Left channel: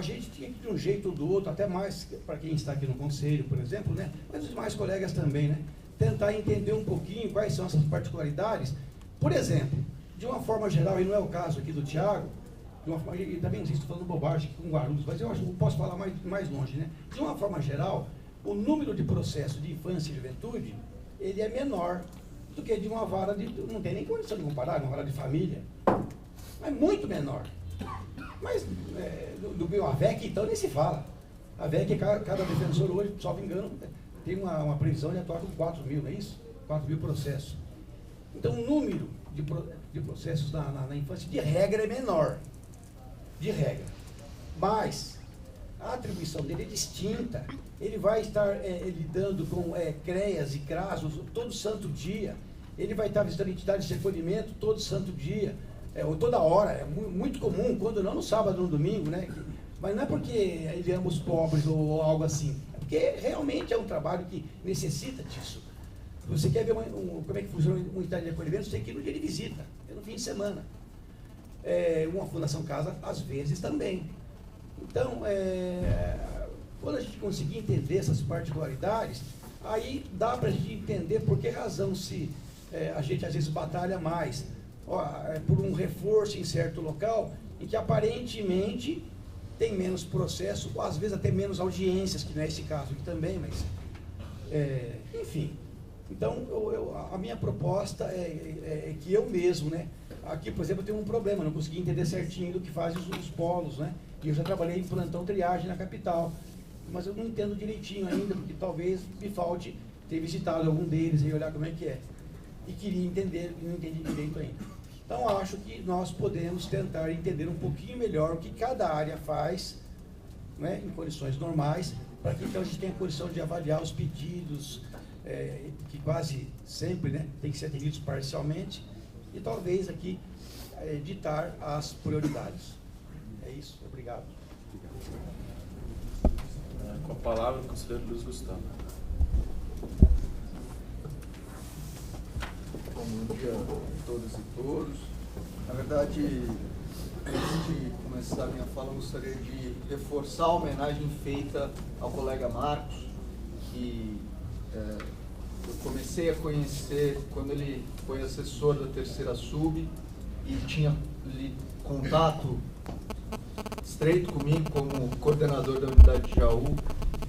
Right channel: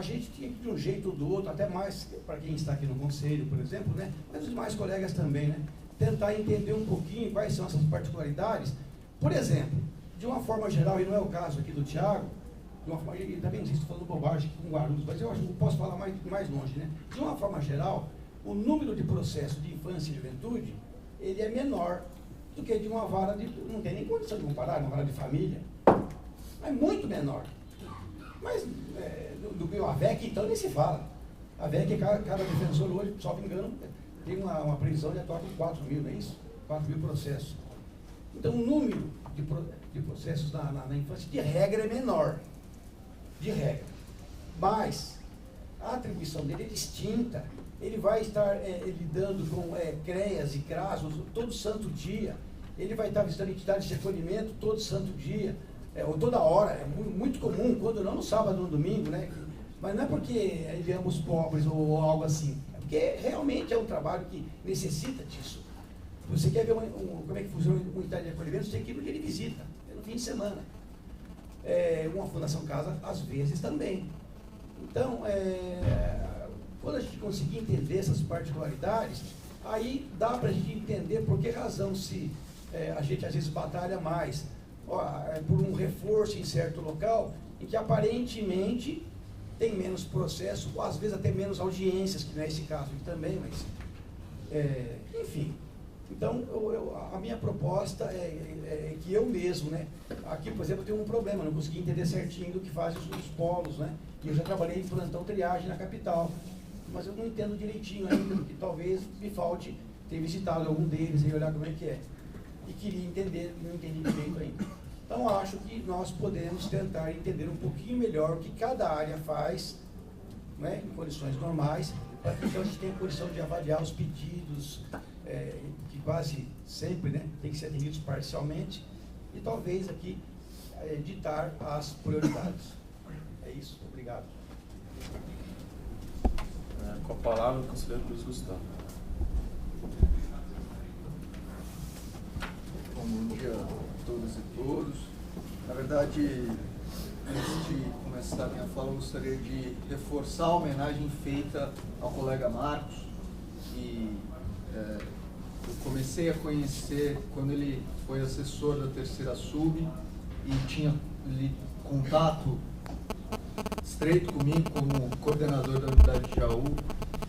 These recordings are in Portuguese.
a gente tinha que, de um jeito ou do outro, até mais para quem está aqui no conselho, por exemplo, né, mas os demais colegas também, né, tentar entender um pouquinho quais são essas particularidades. Por exemplo, de uma forma geral, e não é o caso aqui do Thiago, de uma forma, e também não sei se estou falando bobagem aqui com Guarulhos, mas eu acho que eu posso falar mais longe, né? De uma forma geral, o número de processos de infância e juventude, ele é menor do que de uma vara de... Não tem nem condição de comparar, uma vara de família. É muito menor. Mas do meu AVEC, então, nem se fala. A AVEC, cada defensor hoje, só me engano, tem uma previsão de atuar com 4 mil, não é isso? 4 mil processos. Então, o número de processos na infância, de regra, é menor. De regra. Mas a atribuição dele é distinta. Ele vai estar lidando com CREAS e CRAS todo santo dia. Ele vai estar visitando entidades de recolhimento todo santo dia, ou toda hora. É muito comum, quando não no sábado ou no domingo, né? Mas não é porque ele ama os pobres ou algo assim. É porque realmente é um trabalho que necessita disso. Você quer ver como é que funciona uma unidade de acolhimento, você tem que ir no dia de visita, no fim de semana. Uma Fundação Casa, às vezes, também. Então, quando a gente conseguir entender essas particularidades, aí dá para a gente entender por que razão se a gente às vezes batalha mais por um reforço em certo local, em que aparentemente tem menos processo, ou às vezes até menos audiências, que não é esse caso aqui também, mas enfim. Então, a minha proposta é que eu mesmo, né? Aqui, por exemplo, eu tenho um problema, não consegui entender certinho do que fazem os polos, né? E eu já trabalhei em plantão triagem na capital, mas eu não entendo direitinho ainda, porque talvez me falte ter visitado algum deles e olhar como é que é. E queria entender, e não entendi direito ainda. Então, acho que nós podemos tentar entender um pouquinho melhor o que cada área faz, né, em condições normais, para que então a gente tenha condição de avaliar os pedidos, que quase sempre, né, tem que ser atendidos parcialmente, e talvez aqui ditar as prioridades. É isso, obrigado. Com a palavra, o conselheiro Luiz Gustavo. Bom dia a todas e todos. Na verdade, antes de começar a minha fala, eu gostaria de reforçar a homenagem feita ao colega Marcos, que eu comecei a conhecer quando ele foi assessor da terceira sub e tinha contato estreito comigo como coordenador da unidade de Jaú,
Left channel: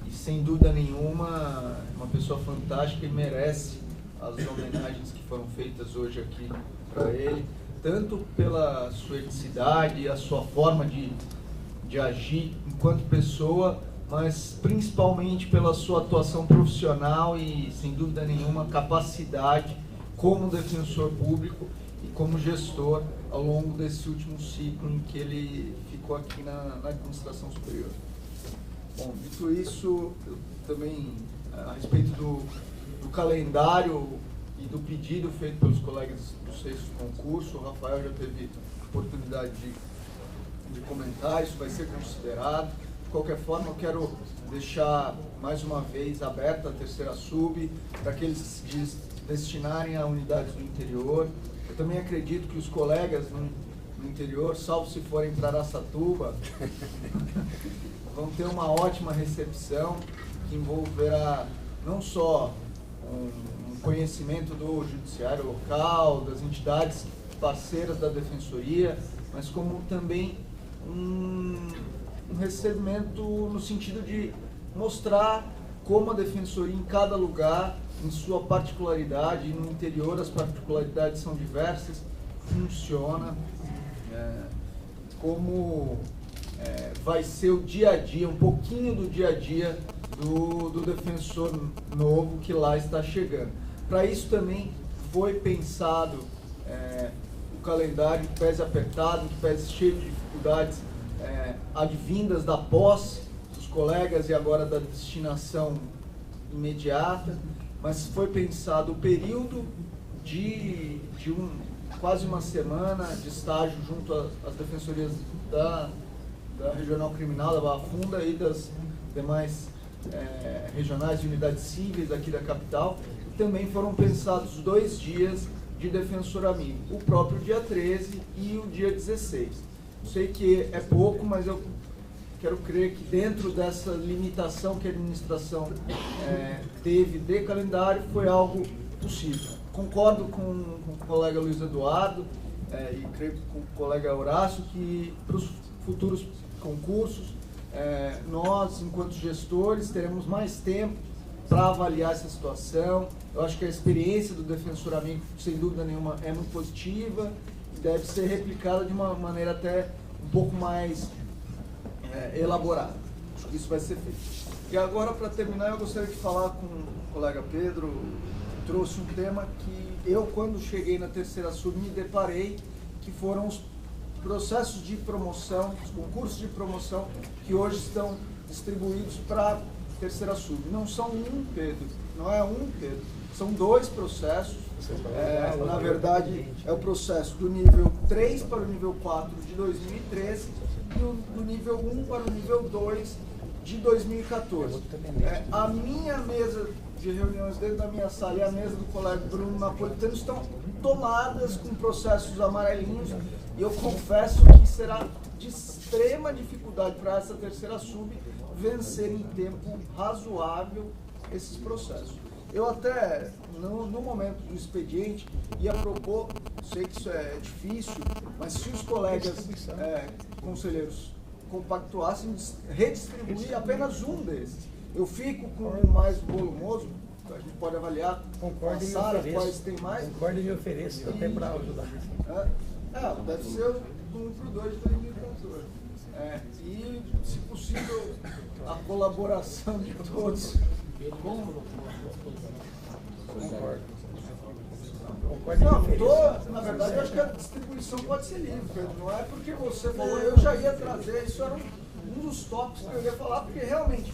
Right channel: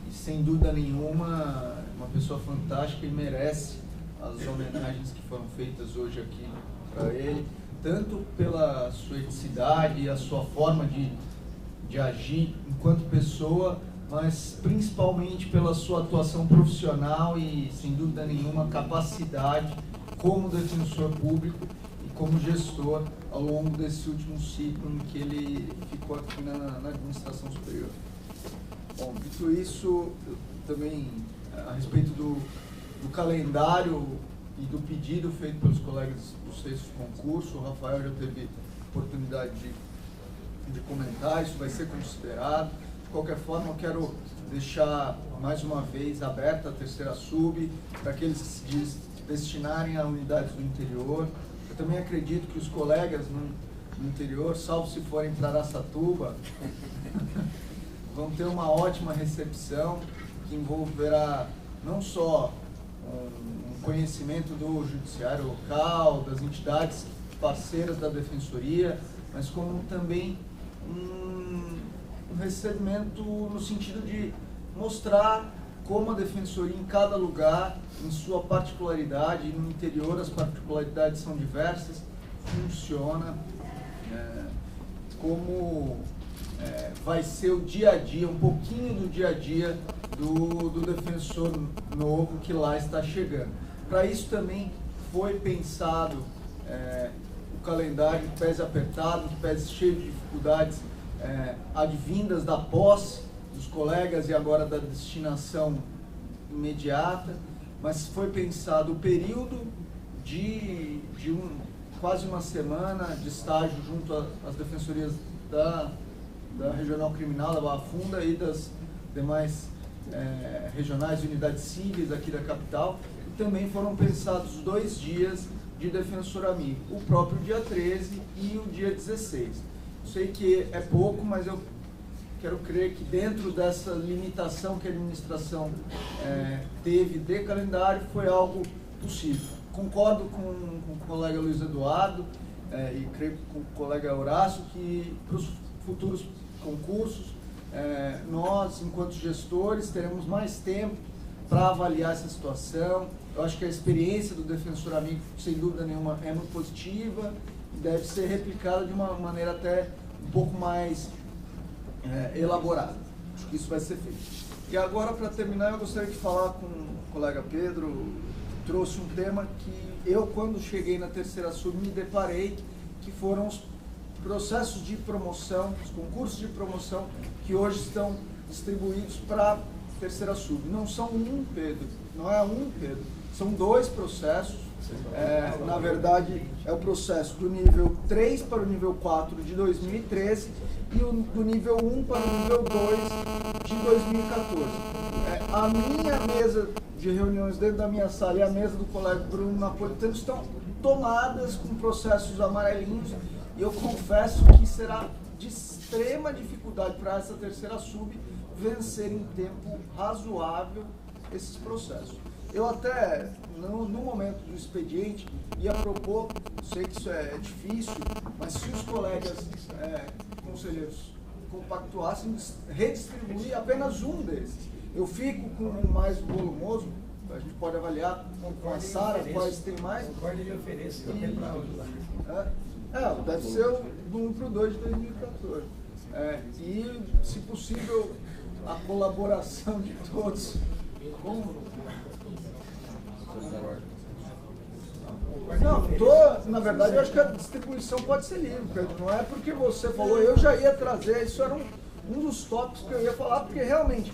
e sem dúvida nenhuma uma pessoa fantástica e merece as homenagens que foram feitas hoje aqui para ele, tanto pela sua eticidade, a sua forma de agir enquanto pessoa, mas principalmente pela sua atuação profissional e, sem dúvida nenhuma, capacidade como defensor público e como gestor ao longo desse último ciclo em que ele ficou aqui na administração superior. Bom, dito isso, eu também, a respeito do calendário e do pedido feito pelos colegas do sexto concurso, o Rafael já teve oportunidade de comentar, isso vai ser considerado. De qualquer forma, eu quero deixar mais uma vez aberta a terceira sub, para que eles se destinarem a unidades do interior. Eu também acredito que os colegas no interior, salvo se forem para Araçatuba, vão ter uma ótima recepção, que envolverá não só um conhecimento do judiciário local, das entidades parceiras da defensoria, mas como também um recebimento no sentido de mostrar como a defensoria em cada lugar, em sua particularidade, e no interior as particularidades são diversas, funciona, como vai ser o dia a dia, um pouquinho do dia a dia do defensor novo que lá está chegando. Para isso também foi pensado o calendário que pese apertado, que pese cheio de dificuldades advindas da posse dos colegas e agora da destinação imediata, mas foi pensado o período de quase uma semana de estágio junto às defensorias da Regional Criminal, da Barra Funda e das demais regionais e unidades cíveis aqui da capital. E também foram pensados 2 dias de defensor amigo, o próprio dia 13 e o dia 16. Eu sei que é pouco, mas eu quero crer que dentro dessa limitação que a administração teve de calendário, foi algo possível. Concordo com o colega Luiz Eduardo e creio com o colega Horácio que para os futuros concursos, nós, enquanto gestores, teremos mais tempo para avaliar essa situação. Eu acho que a experiência do Defensor Amigo, sem dúvida nenhuma, é muito positiva e deve ser replicada de uma maneira até um pouco mais elaborada. Acho que isso vai ser feito. E agora, para terminar, eu gostaria de falar com o colega Pedro, que trouxe um tema que eu, quando cheguei na terceira sub, me deparei, que foram os processos de promoção, os concursos de promoção que hoje estão distribuídos para a terceira sub. Não são um, Pedro, não é um, Pedro, são 2 processos. Na verdade, é o processo do nível 3 para o nível 4 de 2013 e do nível 1 para o nível 2 de 2014. A minha mesa de reuniões dentro da minha sala e a mesa do colega Bruno Napolitano estão tomadas com processos amarelinhos e eu confesso que será de extrema dificuldade para essa terceira sub vencer em tempo razoável esses processos. Eu até, no momento do expediente, ia propor, sei que isso é difícil, mas se os colegas conselheiros compactuassem, redistribuir apenas um desses. Eu fico com o mais volumoso, a gente pode avaliar com a Sara quais tem mais. Concordo e me ofereço, até para ajudar. Deve ser do 1 para o 2 de 2014. E, se possível, a colaboração de todos. Na verdade, eu acho que a distribuição pode ser livre, Pedro. Não é porque você falou, eu já ia trazer, isso era um dos tópicos que eu ia falar, porque realmente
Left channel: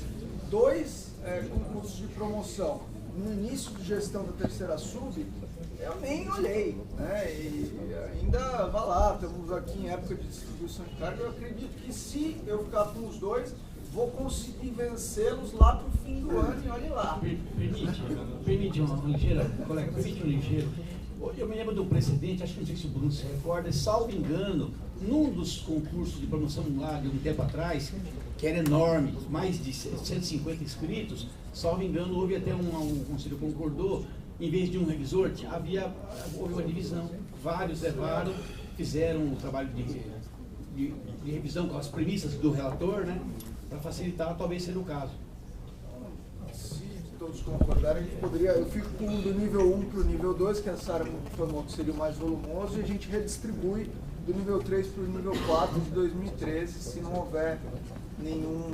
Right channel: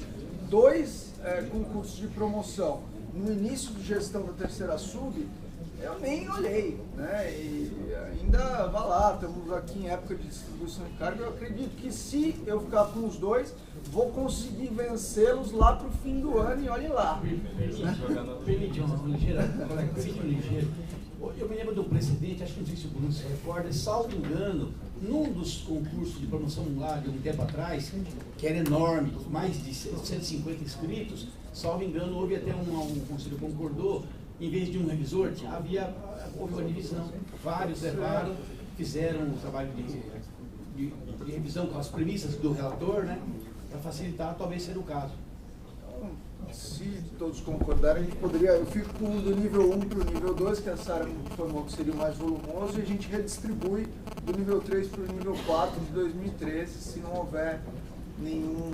2 concursos de promoção no início de gestão da terceira sub, eu nem olhei, né? E ainda vá lá, estamos aqui em época de distribuição de carga, eu acredito que se eu ficar com os 2, vou conseguir vencê-los lá para o fim do ano e olhe lá. Permite uma ligeira, colega, ligeiro. Eu me lembro do precedente, acho que não sei se o Bruno se recorda, salvo engano, num dos concursos de promoção lá de um tempo atrás, que era enorme, mais de 150 inscritos, salvo engano, houve até um conselho concordou, em vez de um revisor, houve uma divisão, vários levaram, fizeram um trabalho de revisão com as premissas do relator, né, para facilitar, talvez seja o caso. Se todos concordarem, a gente poderia, eu fico com o do nível 1 para o nível 2, que a Sara me informou que seria o mais volumoso, e a gente redistribui do nível 3 para o nível 4 de 2013, se não houver nenhum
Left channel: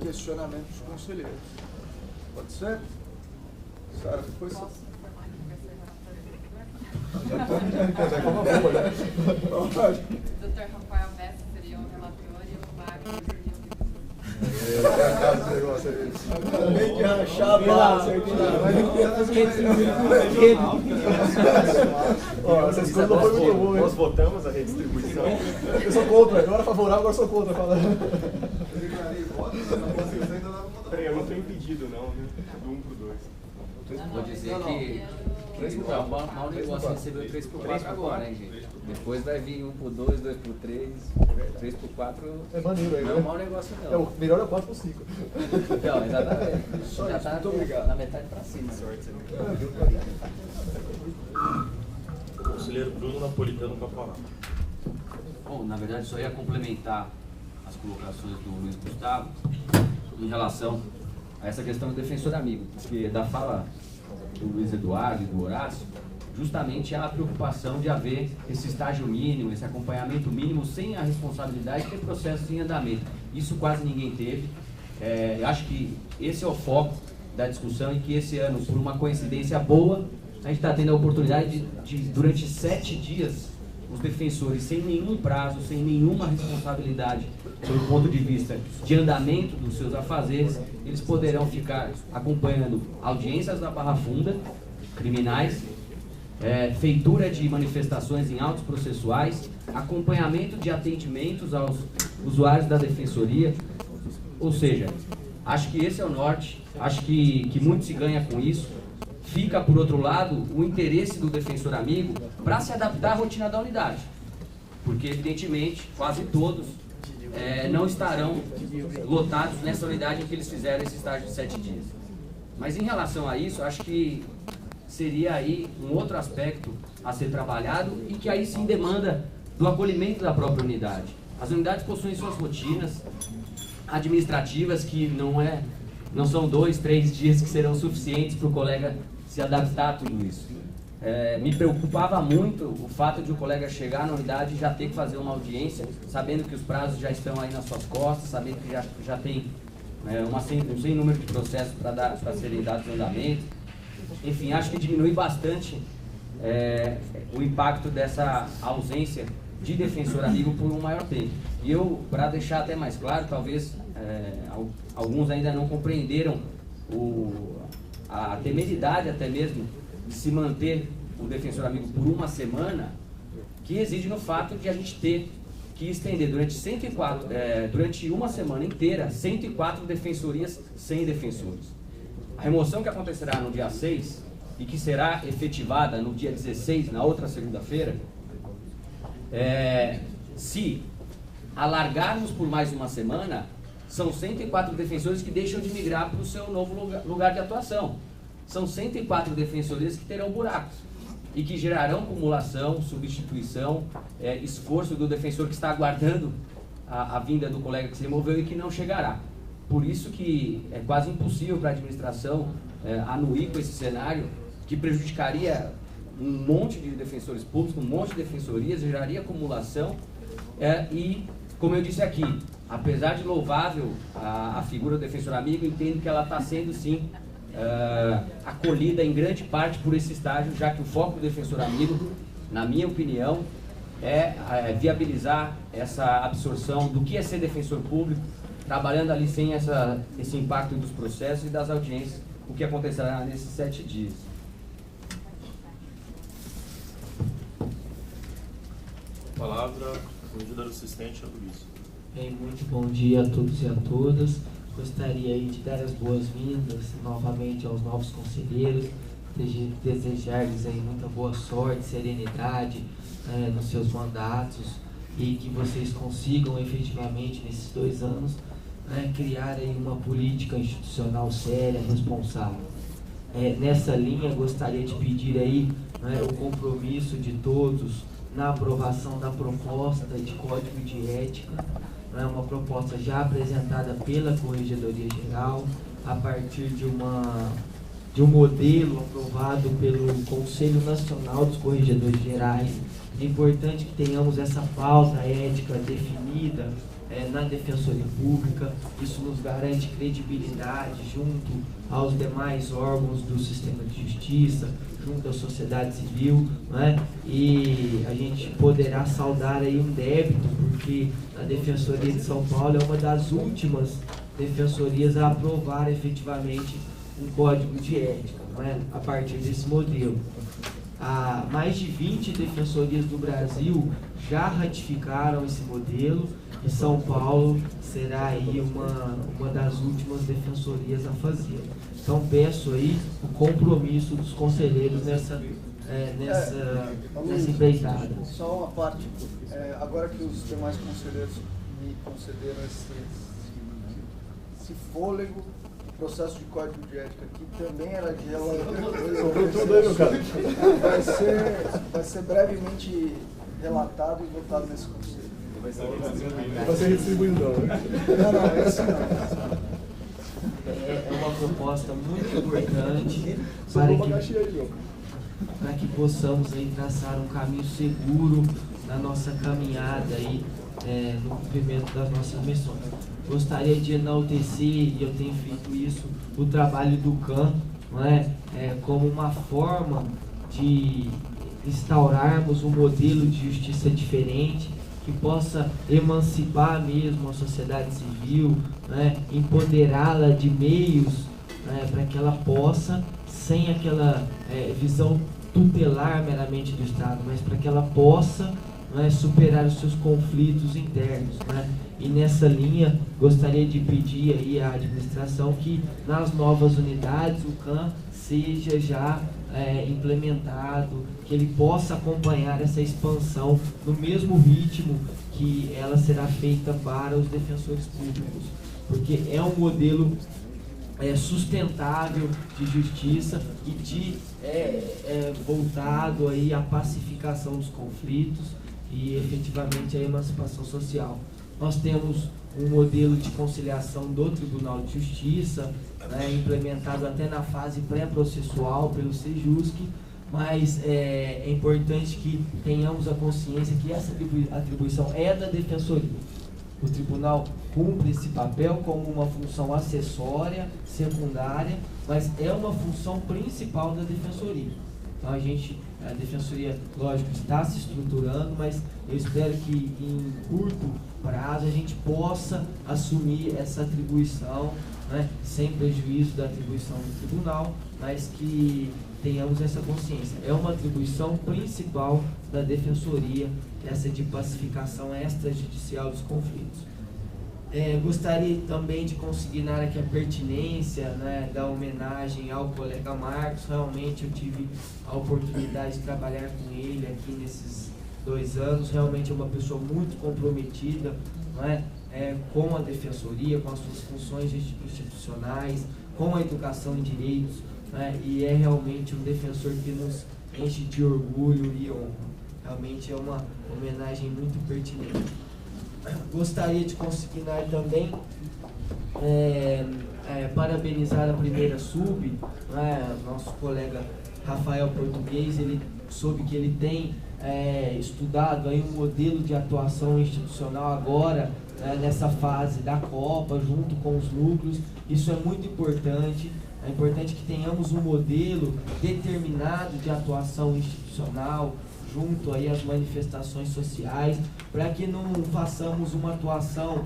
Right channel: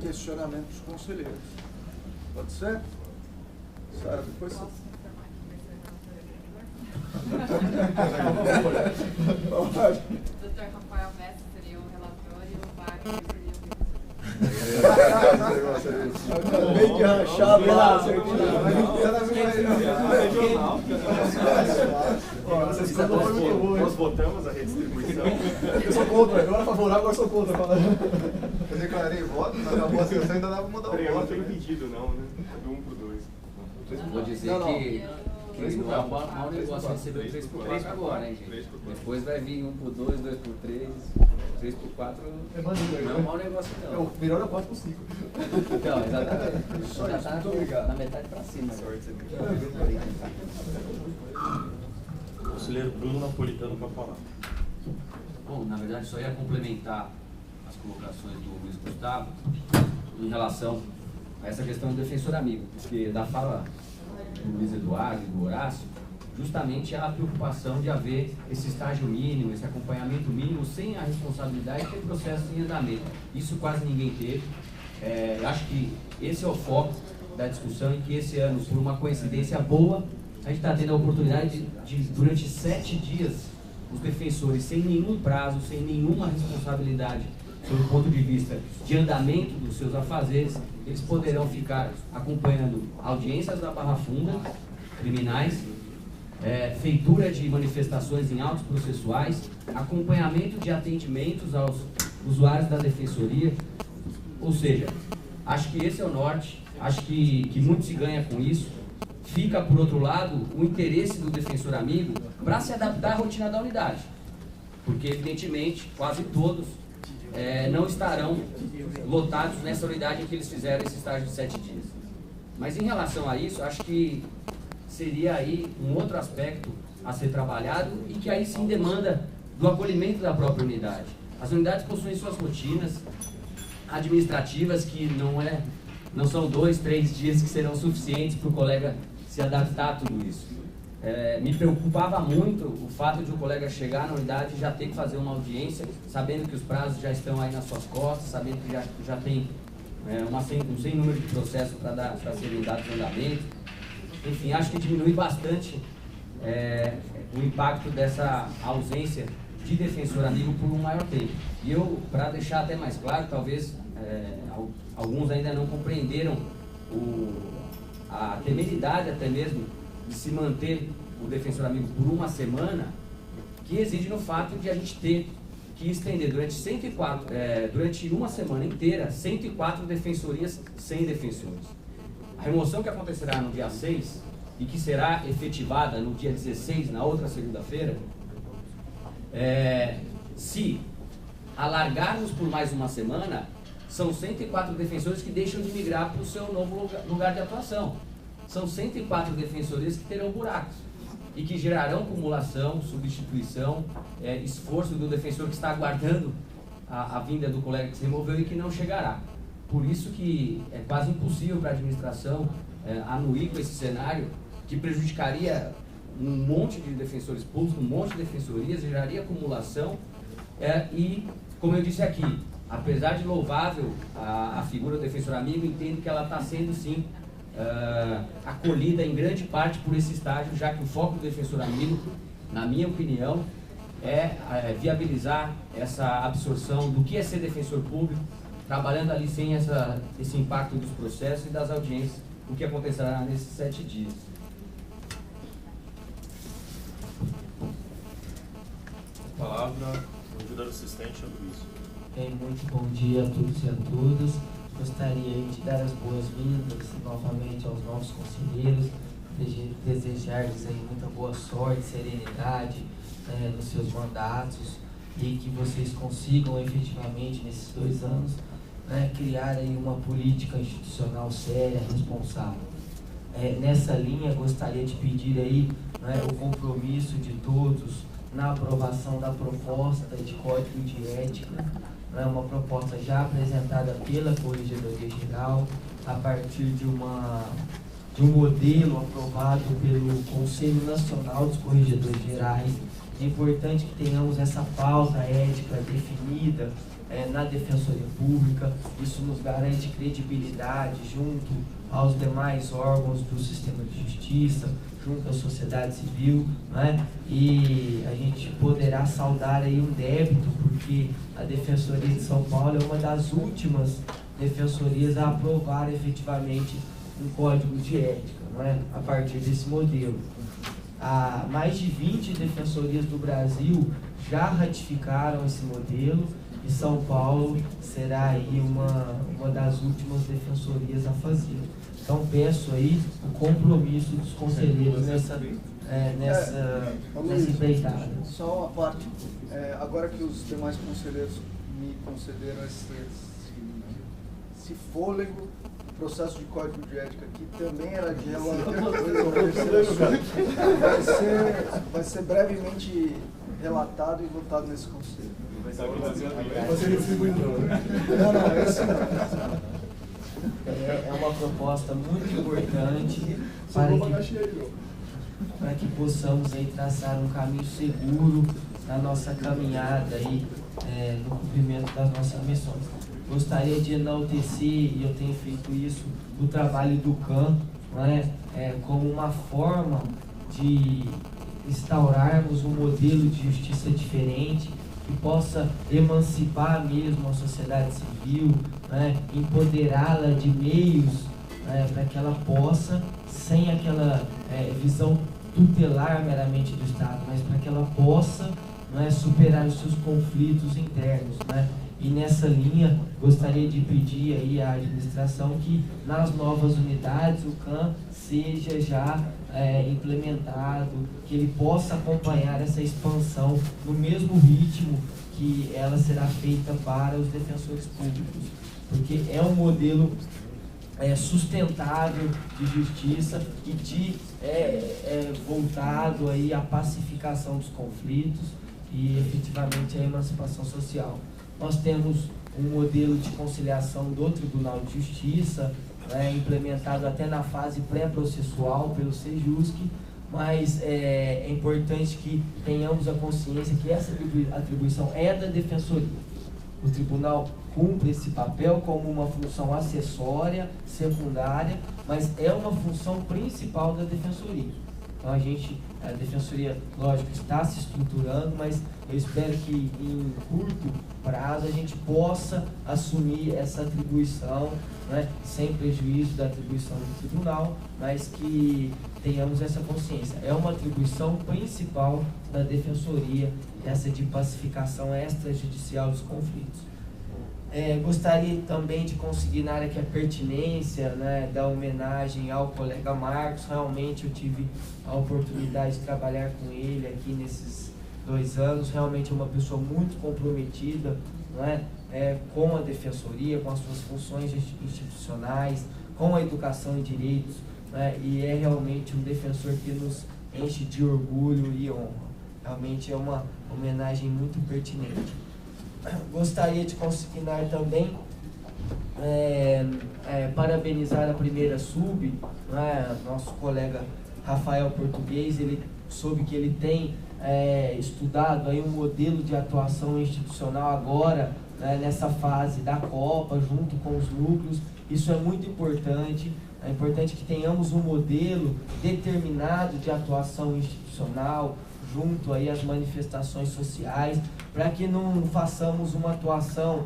questionamento dos conselheiros. Pode ser? Sara, depois você... Dr. Rafael Messi seria o relator e o Wagner seria Acabei de rachar a base aqui. Nós votamos a redistribuição. Eu sou contra, eu era favorável, agora sou contra. Eu declarei voto, na votação ainda dava pra mudar o voto. Peraí, eu não estou impedido não, né? Do 1 pro 2. Vou dizer que é um mau negócio receber 3 por 4 agora, hein, gente? Depois vai vir 1 por 2, 2 por 3, 3 por 4. É maneiro, não é um mau negócio, não. O melhor é o 4 por 5. Então, exatamente. Já está na metade para cima. Conselheiro Bruno Napolitano com a palavra. Bom, na verdade, só ia complementar as colocações do Luiz Gustavo em relação a essa questão do defensor amigo, porque da fala do Luiz Eduardo e do Horácio, justamente há a preocupação de haver esse estágio mínimo, esse acompanhamento mínimo, sem a responsabilidade de ter processos em andamento. Isso quase ninguém teve. Acho que esse é o foco da discussão, e que esse ano, por uma coincidência boa, a gente está tendo a oportunidade de, durante 7 dias, os defensores, sem nenhum prazo, sem nenhuma responsabilidade, sob o ponto de vista de andamento dos seus afazeres, eles poderão ficar acompanhando audiências da Barra Funda, criminais, feitura de manifestações em autos processuais, acompanhamento de atendimentos aos usuários da Defensoria. Ou seja, acho que esse é o norte, acho que muito se ganha com isso. Fica, por outro lado, o interesse do defensor amigo para se adaptar à rotina da unidade. porque evidentemente quase todos não estarão lotados nessa unidade em que eles fizeram esse estágio de 7 dias. Mas em relação a isso, acho que seria aí um outro aspecto a ser trabalhado e que aí sim demanda do acolhimento da própria unidade. As unidades possuem suas rotinas administrativas que não são 2, 3 dias que serão suficientes para o colega se adaptar a tudo isso. Me preocupava muito o fato de o colega chegar na unidade e já ter que fazer uma audiência, sabendo que os prazos já estão aí nas suas costas, sabendo que já tem um sem número de processos para serem dados em andamento. Enfim, acho que diminui bastante o impacto dessa ausência de defensor amigo por um maior tempo. E eu, para deixar até mais claro, talvez alguns ainda não compreenderam a temeridade até mesmo de se manter o defensor amigo por uma semana, que reside no fato de a gente ter que estender durante uma semana inteira 104 defensorias sem defensores. A remoção que acontecerá no dia 6 e que será efetivada no dia 16, na outra segunda-feira, se alargarmos por mais uma semana, são 104 defensores que deixam de migrar para o seu novo lugar de atuação. São 104 defensorias que terão buracos e que gerarão acumulação, substituição, esforço do defensor que está aguardando a vinda do colega que se removeu e que não chegará. Por isso que é quase impossível para a administração anuir com esse cenário que prejudicaria um monte de defensores públicos, um monte de defensorias, geraria acumulação e, como eu disse aqui, apesar de louvável a figura do defensor amigo, entendo que ela está sendo sim acolhida em grande parte por esse estágio, já que o foco do defensor amigo, na minha opinião, é viabilizar essa absorção do que é ser defensor público, trabalhando ali sem esse impacto dos processos e das audiências, o que acontecerá nesses 7 dias. A palavra, o ajudante assistente, Luiz. Muito bom dia a todos e a todas. Gostaria aí de dar as boas-vindas novamente aos novos conselheiros, desejar-lhes aí muita boa sorte, serenidade nos seus mandatos e que vocês consigam efetivamente nesses 2 anos criar aí uma política institucional séria, responsável. Nessa linha, gostaria de pedir aí o compromisso de todos na aprovação da proposta de Código de Ética, uma proposta já apresentada pela Corregedoria Geral, a partir de um modelo aprovado pelo Conselho Nacional dos Corregedores Gerais. É importante que tenhamos essa pauta ética definida na Defensoria Pública. Isso nos garante credibilidade junto aos demais órgãos do sistema de justiça, junto à sociedade civil, e a gente poderá saldar aí um débito, porque a Defensoria de São Paulo é uma das últimas defensorias a aprovar efetivamente um código de ética, a partir desse modelo. Mais de 20 defensorias do Brasil já ratificaram esse modelo e São Paulo será aí uma das últimas defensorias a fazer. Então peço aí o compromisso dos conselheiros nessa empreitada. Só uma parte, agora que os demais conselheiros me concederam esse fôlego, o processo de código de ética aqui também era de vai ser brevemente relatado e votado nesse conselho. Vai ser distribuindo. Não, esse não. É uma proposta muito importante para que possamos aí traçar um caminho seguro na nossa caminhada aí, no cumprimento das nossas missões. Gostaria de enaltecer, e eu tenho feito isso, o trabalho do CAN, como uma forma de instaurarmos um modelo de justiça diferente, que possa emancipar mesmo a sociedade civil, empoderá-la de meios para que ela possa, sem aquela visão tutelar meramente do Estado, mas para que ela possa superar os seus conflitos internos. E nessa linha, gostaria de pedir aí à administração que nas novas unidades o CAN seja já implementado, que ele possa acompanhar essa expansão no mesmo ritmo que ela será feita para os defensores públicos, porque é um modelo sustentável de justiça e voltado aí à pacificação dos conflitos e efetivamente à emancipação social. Nós temos um modelo de conciliação do Tribunal de Justiça, implementado até na fase pré-processual pelo Sejusc, mas é importante que tenhamos a consciência que essa atribuição é da Defensoria. O Tribunal cumpre esse papel como uma função acessória, secundária, mas é uma função principal da Defensoria. Então a Defensoria, lógico, está se estruturando, mas eu espero que em curto prazo a gente possa assumir essa atribuição, sem prejuízo da atribuição do Tribunal, mas que tenhamos essa consciência. É uma atribuição principal da Defensoria, essa de pacificação extrajudicial dos conflitos. Gostaria também de consignar aqui a pertinência da homenagem ao colega Marcos. Realmente eu tive a oportunidade de trabalhar com ele aqui nesses 2 anos. Realmente é uma pessoa muito comprometida com a Defensoria, com as suas funções institucionais, com a educação em direitos, e é realmente um defensor que nos enche de orgulho e honra. Realmente é uma homenagem muito pertinente. Gostaria de consignar também, parabenizar a primeira sub, nosso colega Rafael Português. Ele soube que ele tem estudado aí um modelo de atuação institucional agora, nessa fase da Copa, junto com os núcleos. Isso é muito importante. É importante que tenhamos um modelo determinado de atuação institucional junto aí às manifestações sociais, para que não façamos uma atuação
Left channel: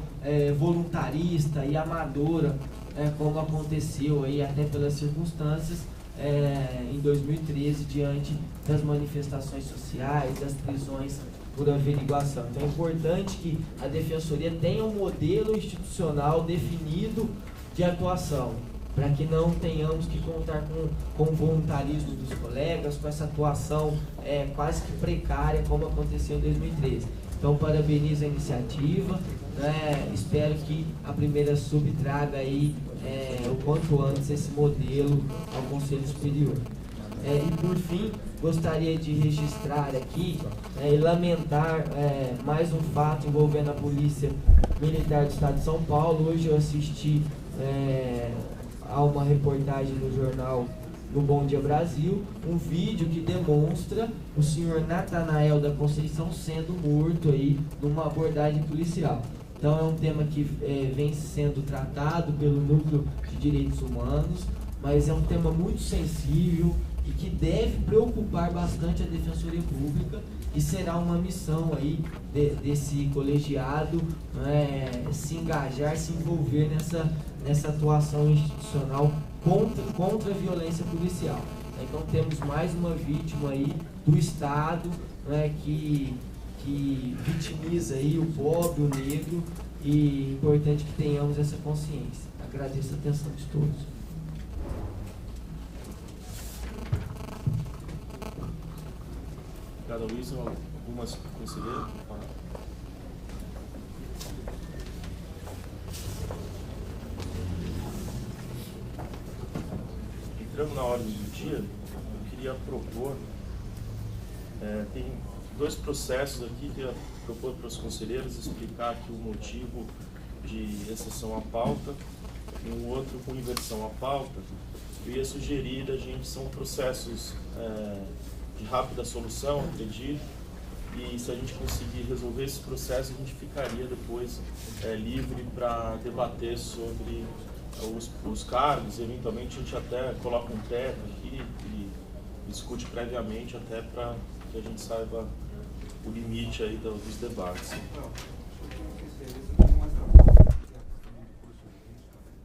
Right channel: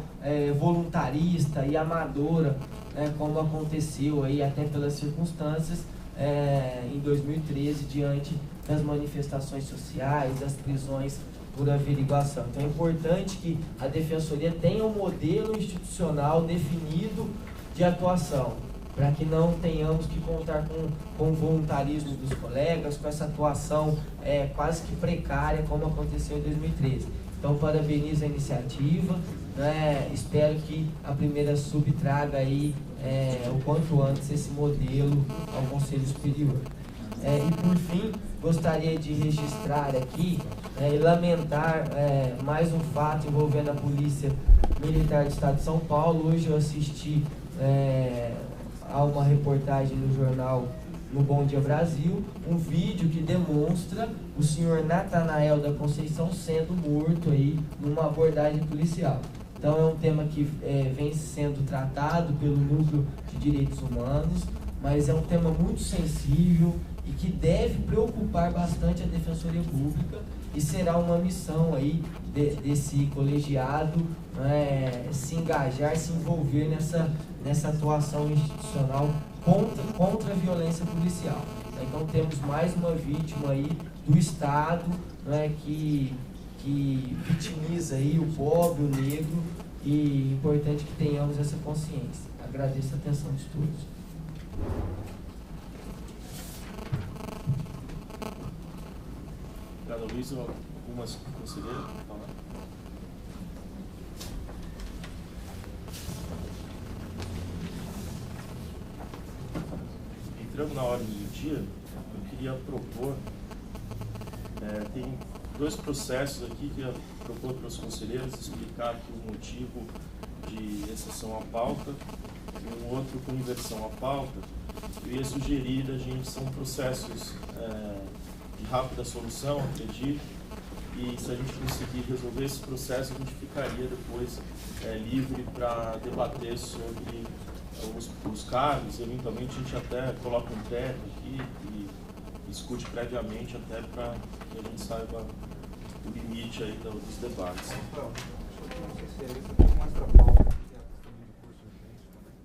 voluntarista e amadora, como aconteceu aí até pelas circunstâncias em 2013, diante das manifestações sociais, das prisões por averiguação. Então é importante que a Defensoria tenha um modelo institucional definido de atuação, para que não tenhamos que contar com o voluntarismo dos colegas, com essa atuação quase que precária, como aconteceu em 2013. Então, parabenizo a iniciativa, espero que a primeira sub traga aí, o quanto antes, esse modelo ao Conselho Superior. E, por fim, gostaria de registrar aqui e lamentar mais um fato envolvendo a Polícia Militar do Estado de São Paulo. Hoje eu assisti há uma reportagem no jornal No Bom Dia Brasil, um vídeo que demonstra o senhor Natanael da Conceição sendo morto aí numa abordagem policial. Então é um tema que vem sendo tratado pelo Núcleo de Direitos Humanos, mas é um tema muito sensível e que deve preocupar bastante a Defensoria Pública, e será uma missão aí desse colegiado se engajar, se envolver nessa atuação institucional contra a violência policial. Então temos mais uma vítima aí do Estado, que vitimiza aí o pobre, o negro, e é importante que tenhamos essa consciência. Agradeço a atenção de todos. Obrigado, Luiz. Algumas conselheiras para falar? Entrando na ordem do dia, eu queria propor, tem 2 processos aqui que eu ia propor para os conselheiros explicar aqui o motivo de exceção à pauta, e um outro com inversão à pauta. Eu ia sugerir a gente, são processos de rápida solução, acredito, e se a gente conseguir resolver esse processo, a gente ficaria depois livre para debater sobre os cargos. Eventualmente a gente até coloca um teto aqui e discute previamente, até para que a gente saiba o limite aí dos debates. Não sei se é isso, eu tenho mais trabalho que é a questão do curso urgente também.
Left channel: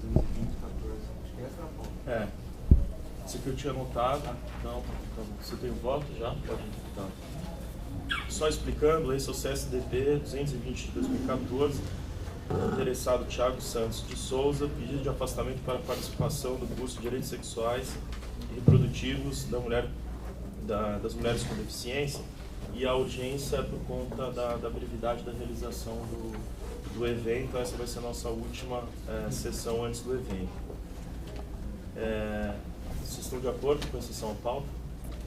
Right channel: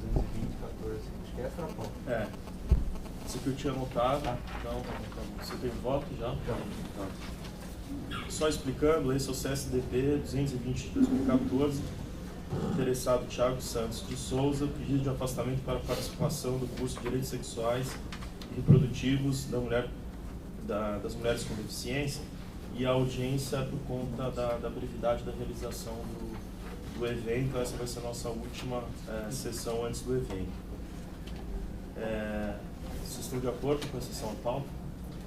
220, 14, acho que é essa a pauta. Esse que eu tinha anotado, então, você tem voto já? Tá. Só explicando, esse é o CSDP 220 de 2014, Interessado Thiago Santos de Souza, pedido de afastamento para participação do curso de Direitos Sexuais e Reprodutivos das Mulheres com Deficiência, e a audiência por conta da brevidade da realização do evento. Essa vai ser a nossa última sessão antes do evento. Vocês estão de acordo com a sessão à pauta?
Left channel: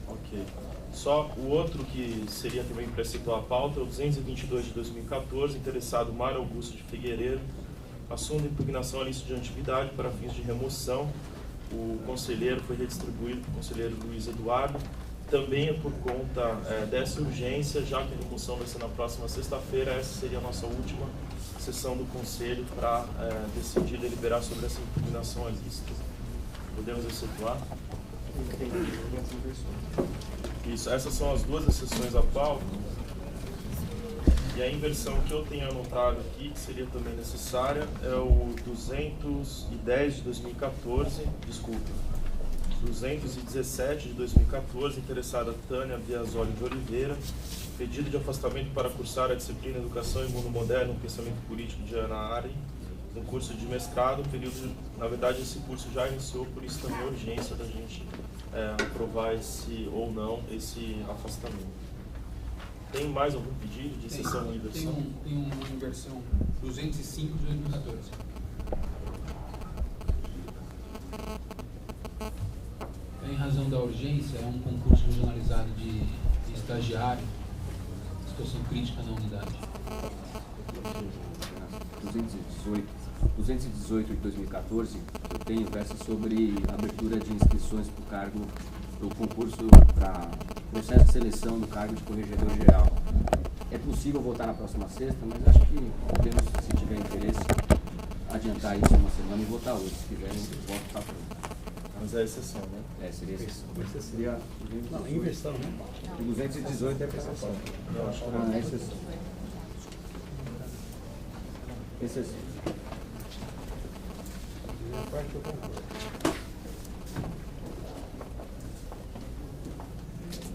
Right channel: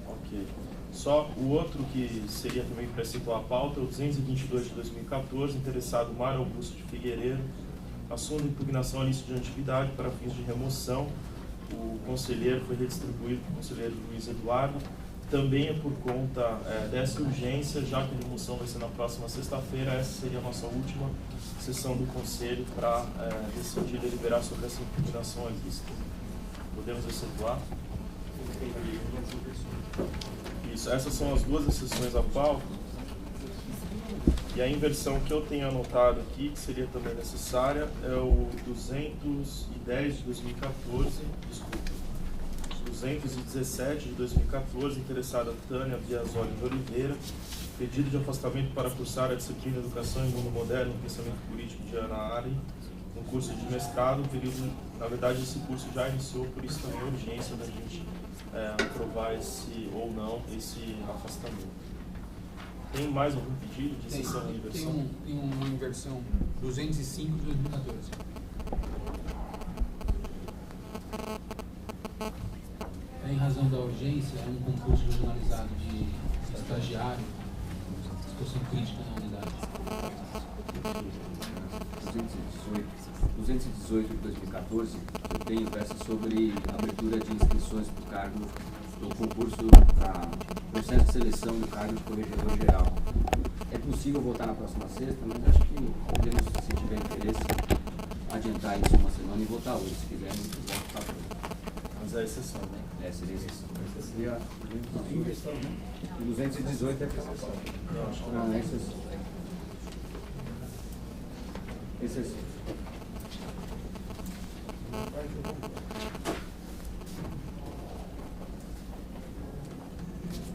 Ok. Só o outro que seria também para situar a pauta é o 222 de 2014, interessado Mário Augusto de Figueiredo, assunto de impugnação à lista de antiguidade para fins de remoção. O conselheiro foi redistribuído para o conselheiro Luiz Eduardo. Também é por conta dessa urgência, já que a remoção vai ser na próxima sexta-feira. Essa seria a nossa última sessão do conselho para decidir deliberar sobre essa impugnação à lista. Podemos efetuar? Isso, essas são as duas exceções à pauta. E a inversão que eu tenho anotado aqui, que seria também necessária, é o 210 de 2014, desculpa, 217 de 2014, interessada Tânia Biasoli de Oliveira, pedido de afastamento para cursar a disciplina Educação em Mundo Moderno e Pensamento Político de Ana Ari, no curso de mestrado. O período, na verdade, esse curso já iniciou, por isso também a urgência da gente aprovar ou não esse afastamento. Tem mais algum pedido de exceção ou inversão? Tem uma inversão, 205 de 2014. Em razão da urgência, é um concurso regionalizado de estagiário, situação crítica na unidade. 218 de 2014, eu tenho versa sobre abertura de inscrições para o cargo do concurso para processo de seleção do cargo de corregedor geral. É possível votar na próxima sexta, mas acho que podemos, se tiver interesse, adiantar isso uma semana e votar hoje. Se quiser, eu voto para frente. Mas é exceção, né? Seria exceção. Seria 218. Não, inversão, né? 218 é exceção. Não, acho que Não, é exceção. Exceção.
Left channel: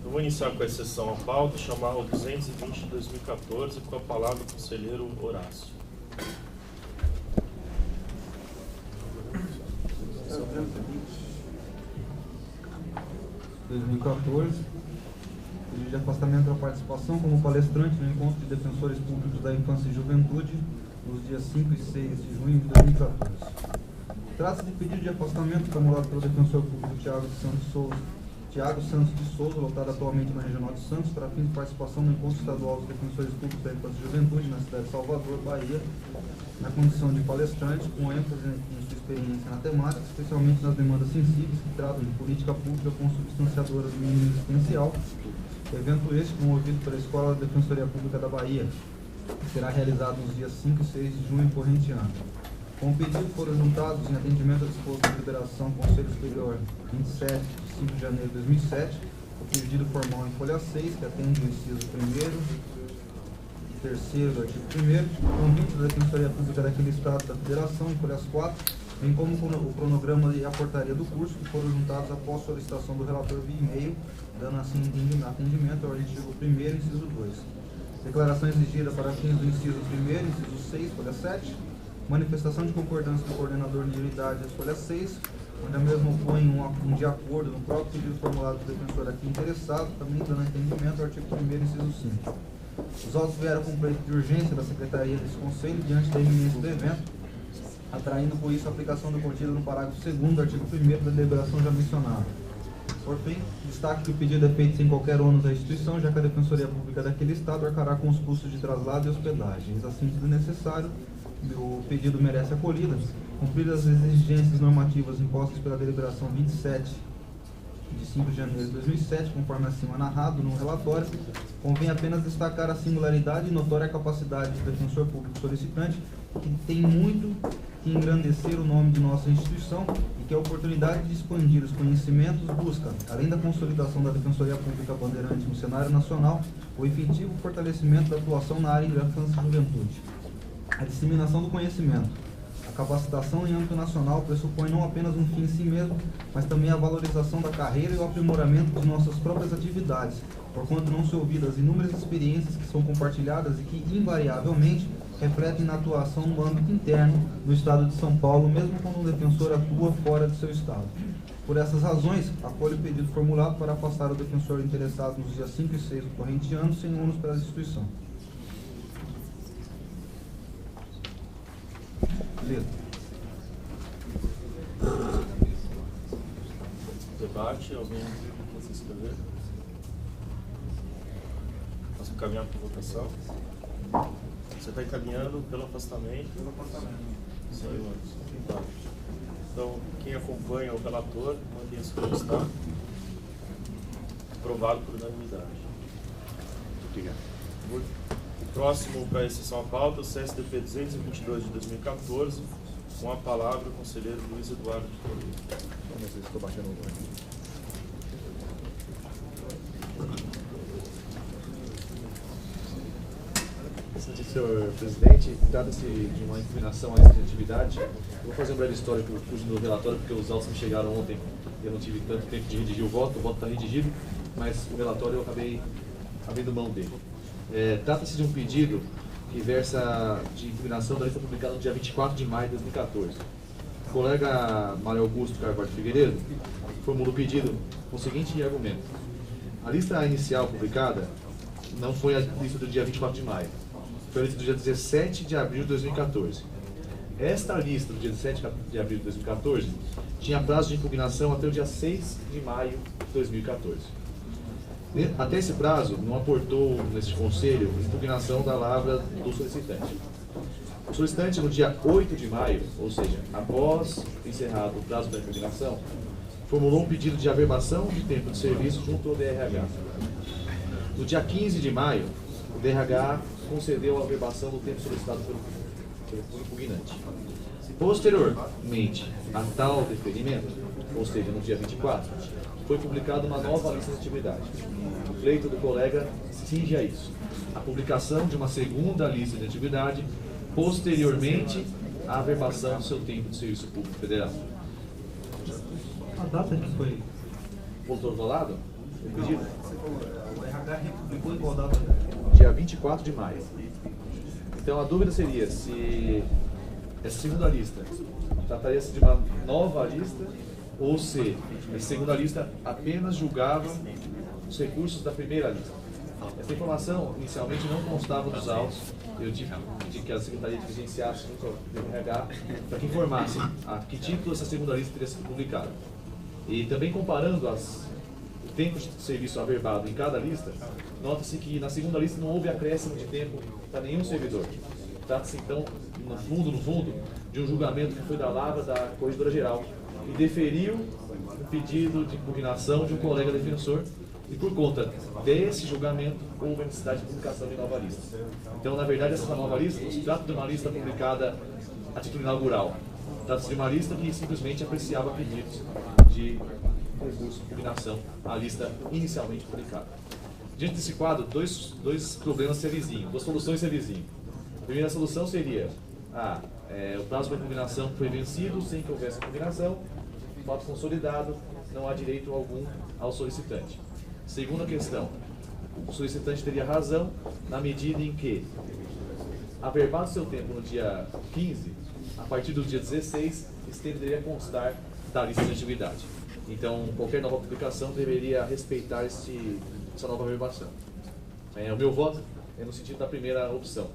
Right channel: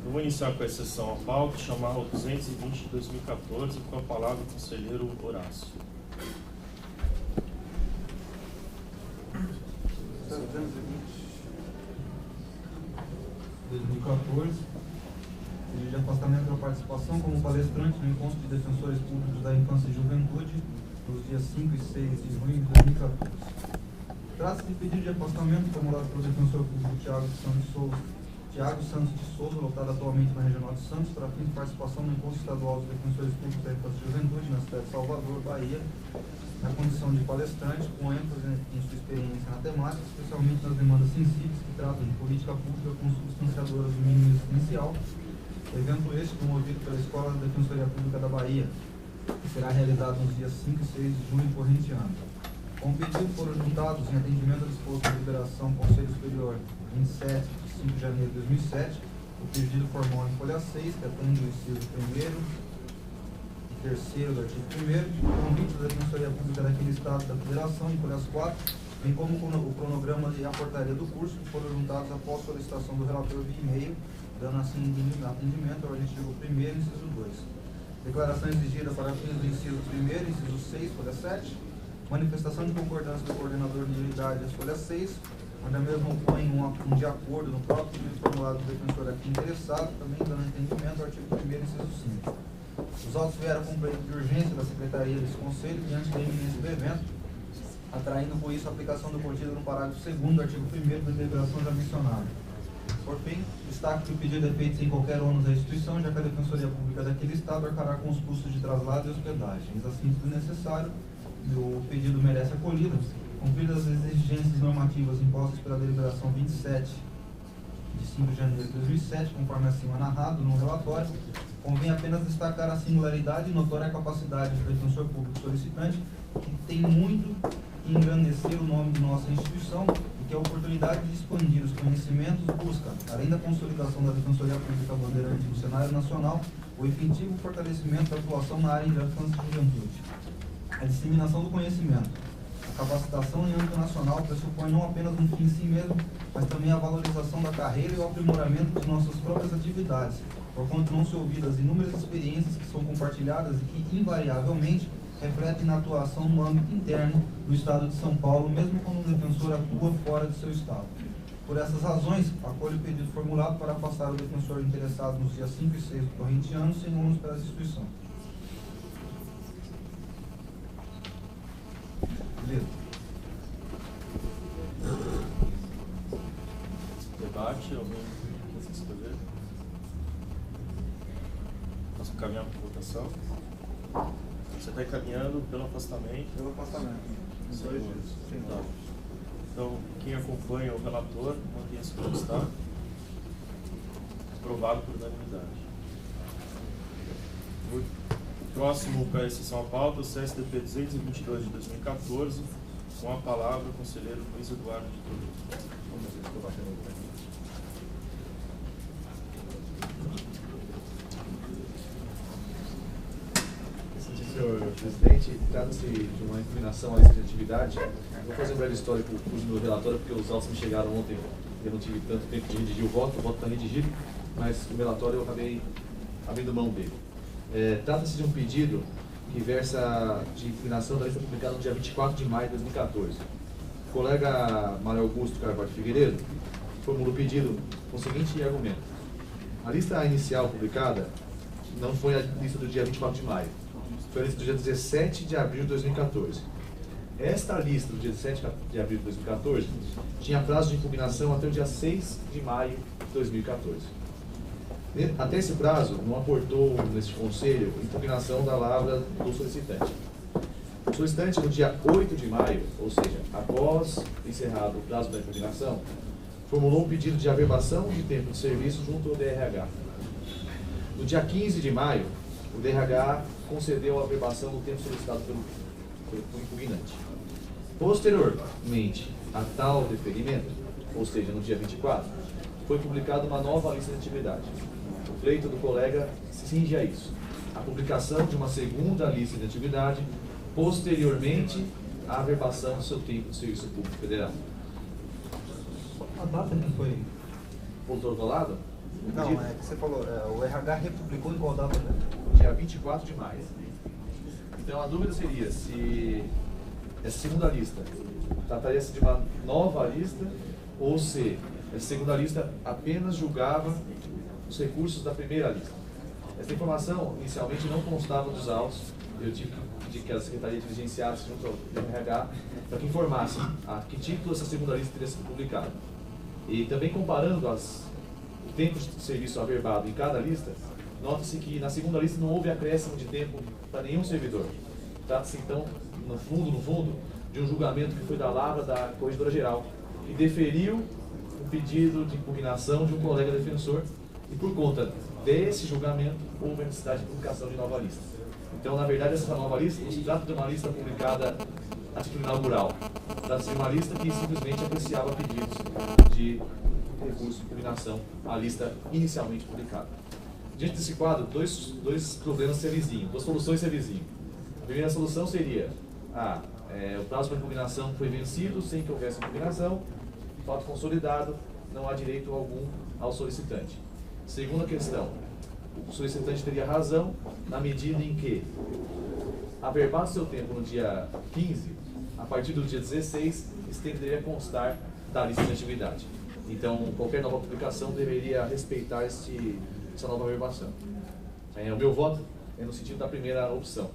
Eu vou iniciar com a exceção à pauta e chamar o 220 de 2014 com a palavra o conselheiro Horácio. 2014, pedido de afastamento da participação como palestrante no encontro de defensores públicos da infância e juventude nos dias 5 e 6 de junho de 2014. Trata-se de pedido de afastamento formulado pelo defensor público Thiago Santos de Souza, lotado atualmente na Regional de Santos, para fins de participação no encontro estadual dos defensores públicos da infância e juventude na cidade de Salvador, Bahia, na condição de palestrante, com ênfase em sua experiência na temática, especialmente nas demandas sensíveis que tratam de política pública consubstanciadora do mínimo existencial, evento este promovido pela Escola da Defensoria Pública da Bahia, que será realizado nos dias 5 e 6 de junho corrente ano. Com o pedido foram juntados, em atendimento ao disposto da Liberação Conselho Superior 27 de 5 de janeiro de 2007, o pedido formal em folha 6, que atende o inciso 1º e 3º do artigo 1º, o convite da Defensoria Pública daquele Estado da Federação em folhas 4, bem como o cronograma e a portaria do curso, que foram juntados após solicitação do relator via e-mail, dando assim atendimento ao artigo 1º, inciso 2. Declaração exigida para fins do inciso 1º, inciso 6, folha 7, manifestação de concordância do coordenador de unidade, folha 6, onde a mesma opõe um de acordo no próprio pedido formulado do defensor aqui interessado, também dando entendimento ao artigo 1º, inciso 5. Os autos vieram com pleito de urgência da Secretaria desse Conselho diante da iminência do evento, atraindo com isso a aplicação do contido no parágrafo 2º do artigo 1º da deliberação já mencionada. Por fim, destaque que o pedido é feito sem qualquer ônus da instituição, já que a Defensoria Pública daquele Estado arcará com os custos de traslado e hospedagem. Assim, sendo necessário, o pedido merece acolhida, cumpridas as exigências normativas impostas pela deliberação 27 de 5 de janeiro de 2007, conforme acima narrado no relatório. Convém apenas destacar a singularidade e notória capacidade do defensor público solicitante, que tem muito que engrandecer o nome de nossa instituição e que a oportunidade de expandir os conhecimentos busca, além da consolidação da Defensoria Pública Bandeirante no cenário nacional, o efetivo fortalecimento da atuação na área de infância e juventude. A disseminação do conhecimento, a capacitação em âmbito nacional pressupõe não apenas um fim em si mesmo, mas também a valorização da carreira e o aprimoramento de nossas próprias atividades, porquanto não se ouviram as inúmeras experiências que são compartilhadas e que, invariavelmente, refletem na atuação no âmbito interno do Estado de São Paulo, mesmo quando um defensor atua fora de seu Estado. Por essas razões, acolho o pedido formulado para afastar o defensor interessado nos dias 5 e 6 do corrente ano sem ônus para essa instituição. Beleza. Debate, alguém quer se inscrever? Posso encaminhar para votação? Você está encaminhando pelo afastamento? Pelo afastamento. Senhores. Tá. Então, quem acompanha o relator, mantenha-se como está. Aprovado por unanimidade. O próximo para a sessão à pauta, o CSDP 222 de 2014, com a palavra o conselheiro Luiz Eduardo de Toledo. Vamos ver se estou batendo o olho. Senhor presidente, trata-se de uma impugnação à lista de atividade. Eu vou fazer um breve histórico do relatório, porque os autos me chegaram ontem e eu não tive tanto tempo de redigir o voto está redigido, mas o relatório eu acabei abrindo mão dele. Trata-se de um pedido que versa de impugnação da lista publicada no dia 24 de maio de 2014. O colega Mário Augusto Carvalho Figueiredo formulou o pedido com o seguinte argumento: a lista inicial publicada não foi a lista do dia 24 de maio, foi a lista do dia 17 de abril de 2014. Esta lista do dia 17 de abril de 2014 tinha prazo de impugnação até o dia 6 de maio de 2014. Até esse prazo, não aportou nesse conselho impugnação da lavra do solicitante. O solicitante, no dia 8 de maio, ou seja, após encerrado o prazo da impugnação, formulou um pedido de averbação de tempo de serviço junto ao DRH. No dia 15 de maio, o DRH concedeu a averbação do tempo solicitado pelo impugnante. Posteriormente a tal deferimento, ou seja, no dia 24, foi publicada uma nova lista de atividade. O pleito do colega se cinge a isso: a publicação de uma segunda lista de atividade, posteriormente à averbação do seu tempo de serviço público federal. A data que foi... Voltou do lado? Não, você falou, o RH republicou em qual data, né? Dia 24 de maio. Então a dúvida seria se essa segunda lista trataria-se de uma nova lista ou se essa segunda lista apenas julgava os recursos da primeira lista. Essa informação inicialmente não constava dos autos. Eu tive que pedir que a Secretaria diligenciasse junto ao RH para que informasse a que título essa segunda lista teria sido publicada. E também comparando o tempo de serviço averbado em cada lista, nota-se que na segunda lista não houve acréscimo de tempo para nenhum servidor. Trata-se então, no fundo, de um julgamento que foi da lavra da Corregedora Geral, que deferiu o pedido de impugnação de um colega defensor e por conta desse julgamento houve a necessidade de publicação de nova lista. Então, na verdade, essa nova lista não se trata de uma lista publicada a título inaugural. Trata-se de uma lista que simplesmente apreciava pedidos de recurso de impugnação à lista inicialmente publicada. Diante desse quadro, dois problemas se avizinham, duas soluções se avizinham. A primeira solução seria: o prazo para impugnação foi vencido sem que houvesse impugnação, fato consolidado, não há direito algum ao solicitante. Segunda questão: o solicitante teria razão na medida em que, averbado seu tempo no dia 15, a partir do dia 16, isso deveria constar da lista de atividade. Então, qualquer nova publicação deveria respeitar essa nova averbação. O meu voto é no sentido da primeira opção.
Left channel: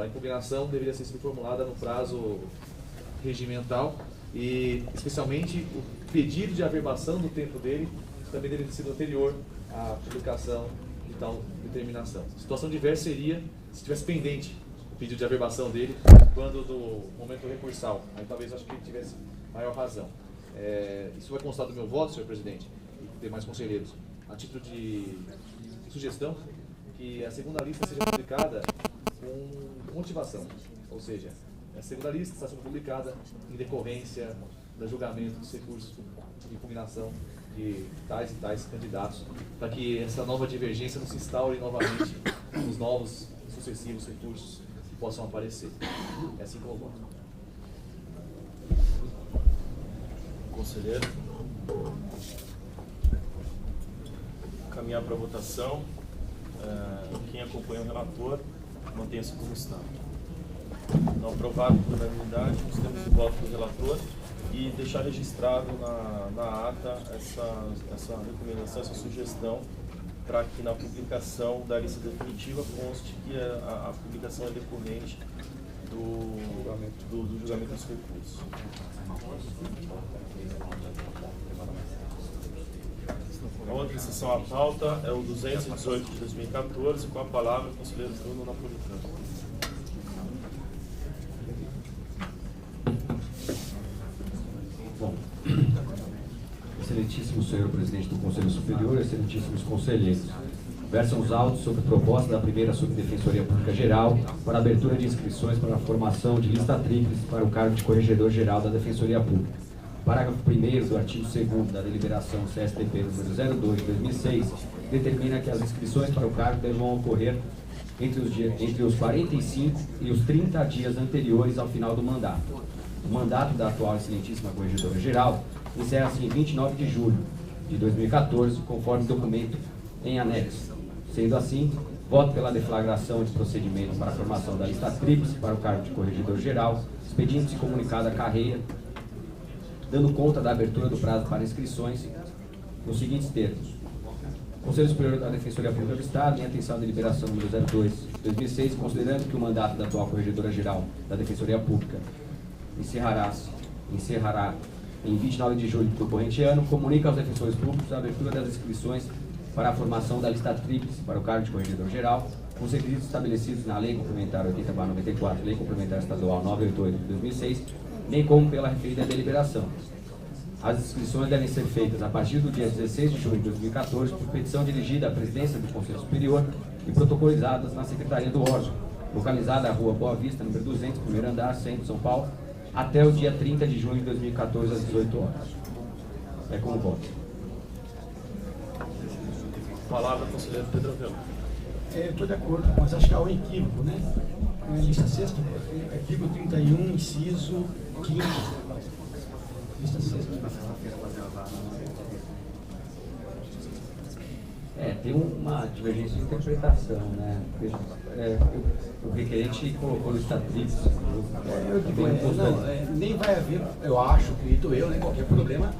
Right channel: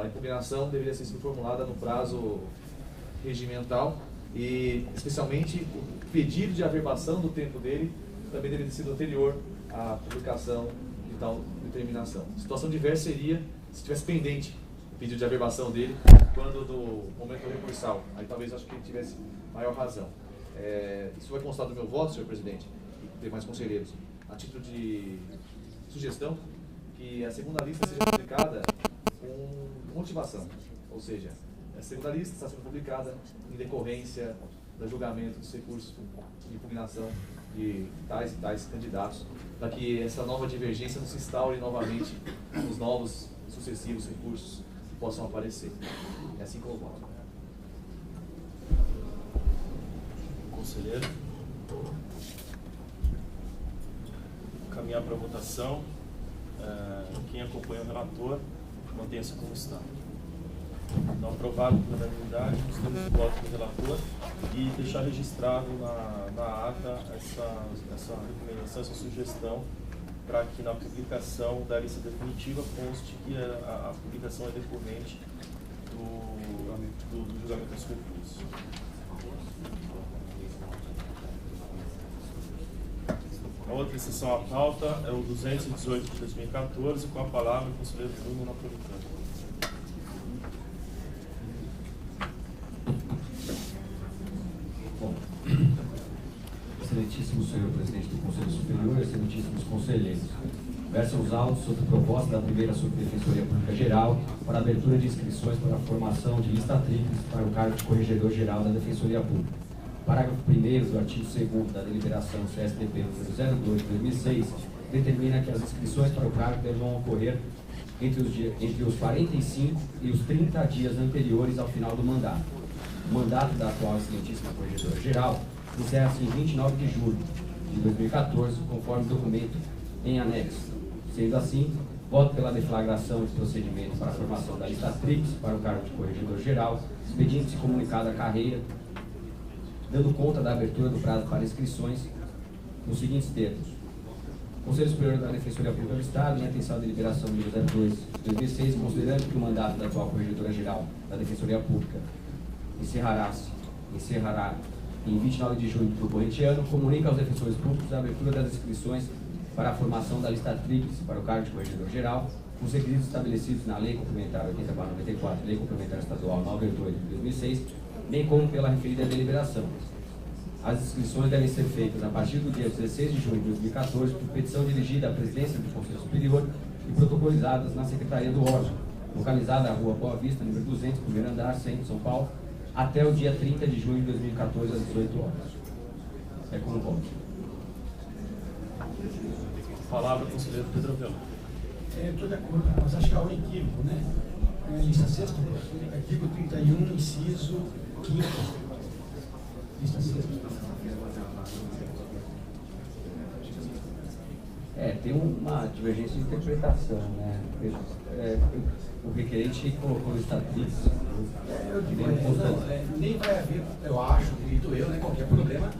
A impugnação deveria ser formulada no prazo regimental e, especialmente, o pedido de averbação do tempo dele também deveria ter sido anterior à publicação de tal determinação. A situação diversa seria se tivesse pendente o pedido de averbação dele quando do momento recursal. Aí talvez acho que ele tivesse maior razão. Isso vai constar do meu voto, senhor presidente, e demais conselheiros, a título de sugestão que a segunda lista seja publicada com motivação, ou seja, a segunda lista está sendo publicada em decorrência do julgamento dos recursos de impugnação de tais e tais candidatos, para que essa nova divergência não se instaure novamente nos novos sucessivos recursos que possam aparecer. É assim que eu voto. Conselheiro. Caminhar para a votação. Quem acompanha o relator, mantenha-se como está. Não aprovado por unanimidade, nós temos o voto do relator e deixar registrado na ata essa recomendação, essa sugestão, para que na publicação da lista definitiva conste que a publicação é decorrente do julgamento dos recursos. A outra exceção à pauta é o 218 de 2014, com a palavra o conselheiro Bruno Napolitano. Bom, excelentíssimo senhor presidente do Conselho Superior, excelentíssimos conselheiros, versam os autos sobre proposta da primeira Subdefensoria Pública Geral para abertura de inscrições para a formação de lista tríplice para o cargo de Corregedor-Geral da Defensoria Pública. Parágrafo 1º do artigo 2º da deliberação CSDP número 02 de 2006 determina que as inscrições para o cargo devam ocorrer entre os 45 e os 30 dias anteriores ao final do mandato. O mandato da atual excelentíssima Corregedora-Geral encerra-se em 29 de julho de 2014, conforme documento em anexo. Sendo assim, voto pela deflagração de procedimento para a formação da lista tríplice para o cargo de Corregedor-Geral, expedindo-se comunicado a carreira, dando conta da abertura do prazo para inscrições nos seguintes termos. Conselho Superior da Defensoria Pública do Estado, em atenção à deliberação número 02 de 2006, considerando que o mandato da atual Corregedora-Geral da Defensoria Pública encerrará em 29 de julho do corrente ano, comunica aos defensores públicos a abertura das inscrições para a formação da lista tríplice para o cargo de Corregedor-Geral, com os requisitos estabelecidos na Lei Complementar 80/94, Lei Complementar Estadual 988 de 2006, bem como pela referida deliberação. As inscrições devem ser feitas a partir do dia 16 de junho de 2014 por petição dirigida à presidência do Conselho Superior e protocolizadas na Secretaria do órgão, localizada na Rua Boa Vista, número 200, primeiro andar, centro de São Paulo, até o dia 30 de junho de 2014, às 18 horas. É com o voto. Palavra, conselheiro Pedro Velho. Eu estou de acordo, mas acho que há um equívoco, né? Na lista sexta, artigo 31, inciso 5º. Lista sexta. Tem uma divergência de interpretação, né? O requerente colocou lista tríplice. Nem vai haver, eu acho, acredito eu, né, qualquer problema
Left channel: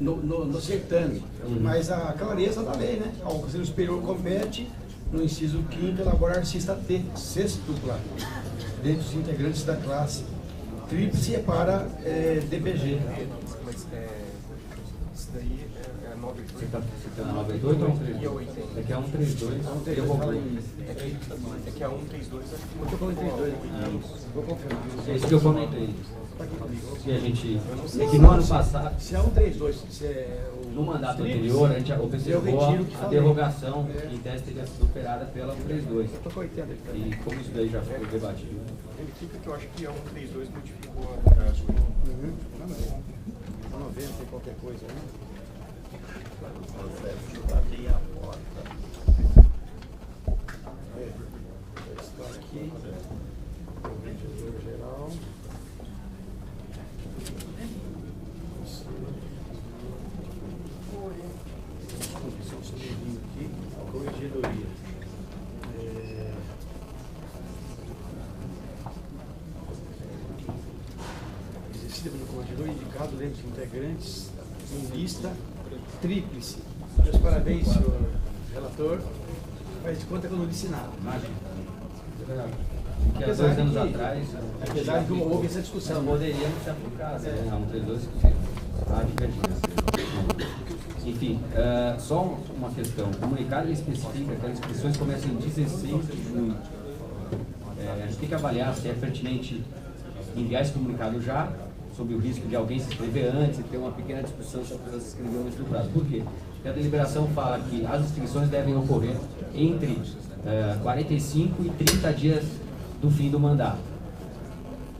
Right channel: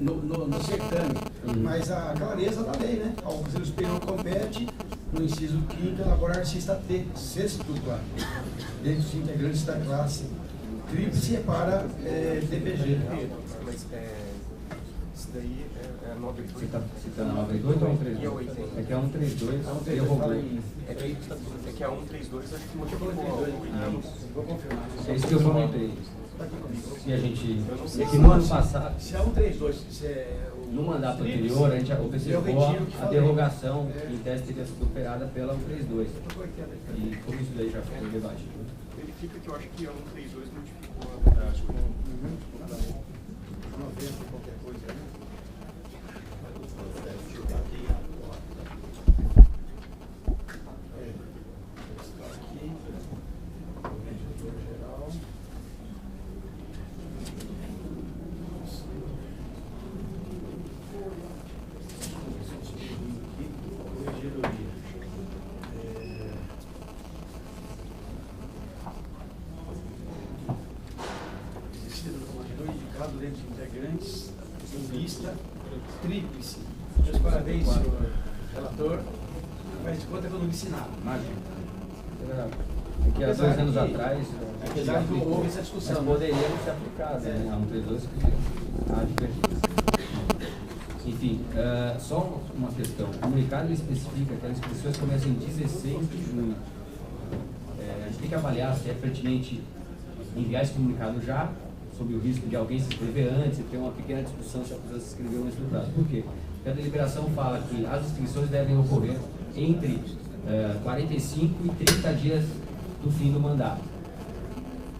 no certame. Mas a clareza da lei, né? Ao Conselho Superior compete, no inciso 5º, elaborar sextupla dentre os integrantes da classe tríplice para DPG. Mas isso daí é 98. Você está citando a 98 ou 132? É que é 132. Eu vou ver. É que a 132 acho que Eu comentei dois. Vou confirmar. É isso que eu comentei. Se a gente. É que no ano passado. Se é 132, se é no mandato anterior, a gente observou a derrogação que em tese teria sido operada pela 132. E como isso daí já foi debatido. Verifica que eu acho que a 132 modificou a. Acho que não. Vamos ver se tem qualquer coisa aí. Deixa eu bater a porta. Eu estou aqui. Corregedor geral. Aqui, corregedoria. Exercida pelo corregedor indicado dentre os integrantes em lista tríplice. Meus parabéns, senhor relator. Faz de conta que eu não disse nada. Imagina. Porque há 2 anos atrás. Apesar de que houve essa discussão. Mas poderia não ser aplicado, né? A 132 há divergência. Enfim, só uma questão. O comunicado especifica que as inscrições começam em 16 de junho. A gente tem que avaliar se é pertinente enviar esse comunicado já, sob o risco de alguém se inscrever antes e ter uma pequena discussão se a pessoa se inscreveu antes do prazo. Por quê? Porque a deliberação fala que as inscrições devem ocorrer entre 45 e 30 dias do fim do mandato.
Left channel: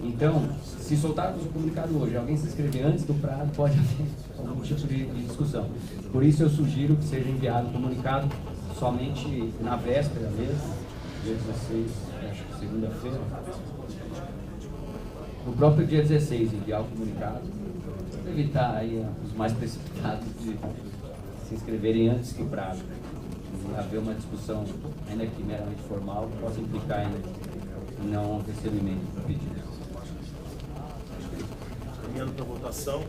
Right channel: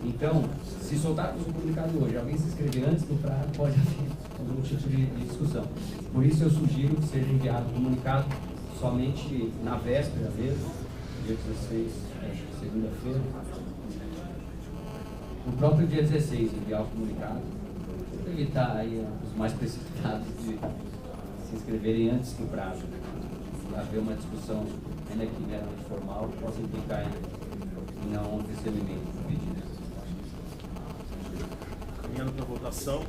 Então, se soltarmos o comunicado hoje, alguém se inscrever antes do prazo, pode haver algum tipo de discussão. Por isso eu sugiro que seja enviado o comunicado somente na véspera mesmo, dia 16, acho que segunda-feira. No próprio dia 16, enviar o comunicado, para evitar aí os mais precipitados de se inscreverem antes que o prazo. E haver uma discussão, ainda que meramente formal, que possa implicar em não recebimento do pedido. Caminhando para a votação,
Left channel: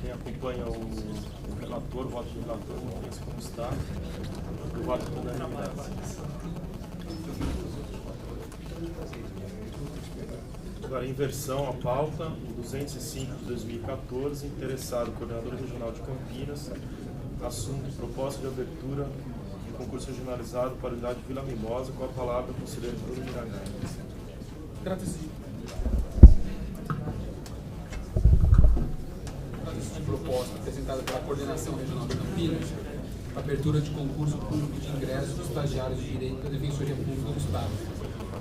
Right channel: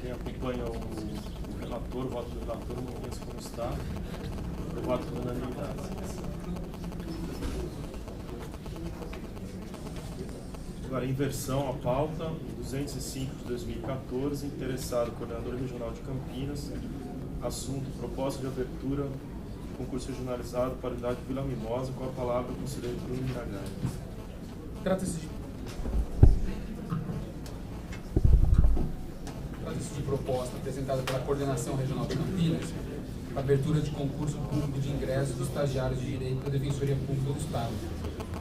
quem acompanha o relator, o voto do relator, mantenha-se como está. Aprovado por unanimidade. Agora, inversão à pauta, 205 de 2014, interessado, coordenador regional de Campinas, assunto, proposta de abertura de concurso regionalizado para a unidade Vila Mimosa, com a palavra o conselheiro Bruno Miragaia. Trata-se de proposta apresentada pela Coordenação Regional de Campinas, abertura de concurso público de ingresso de estagiários de direito da Defensoria Pública do Estado,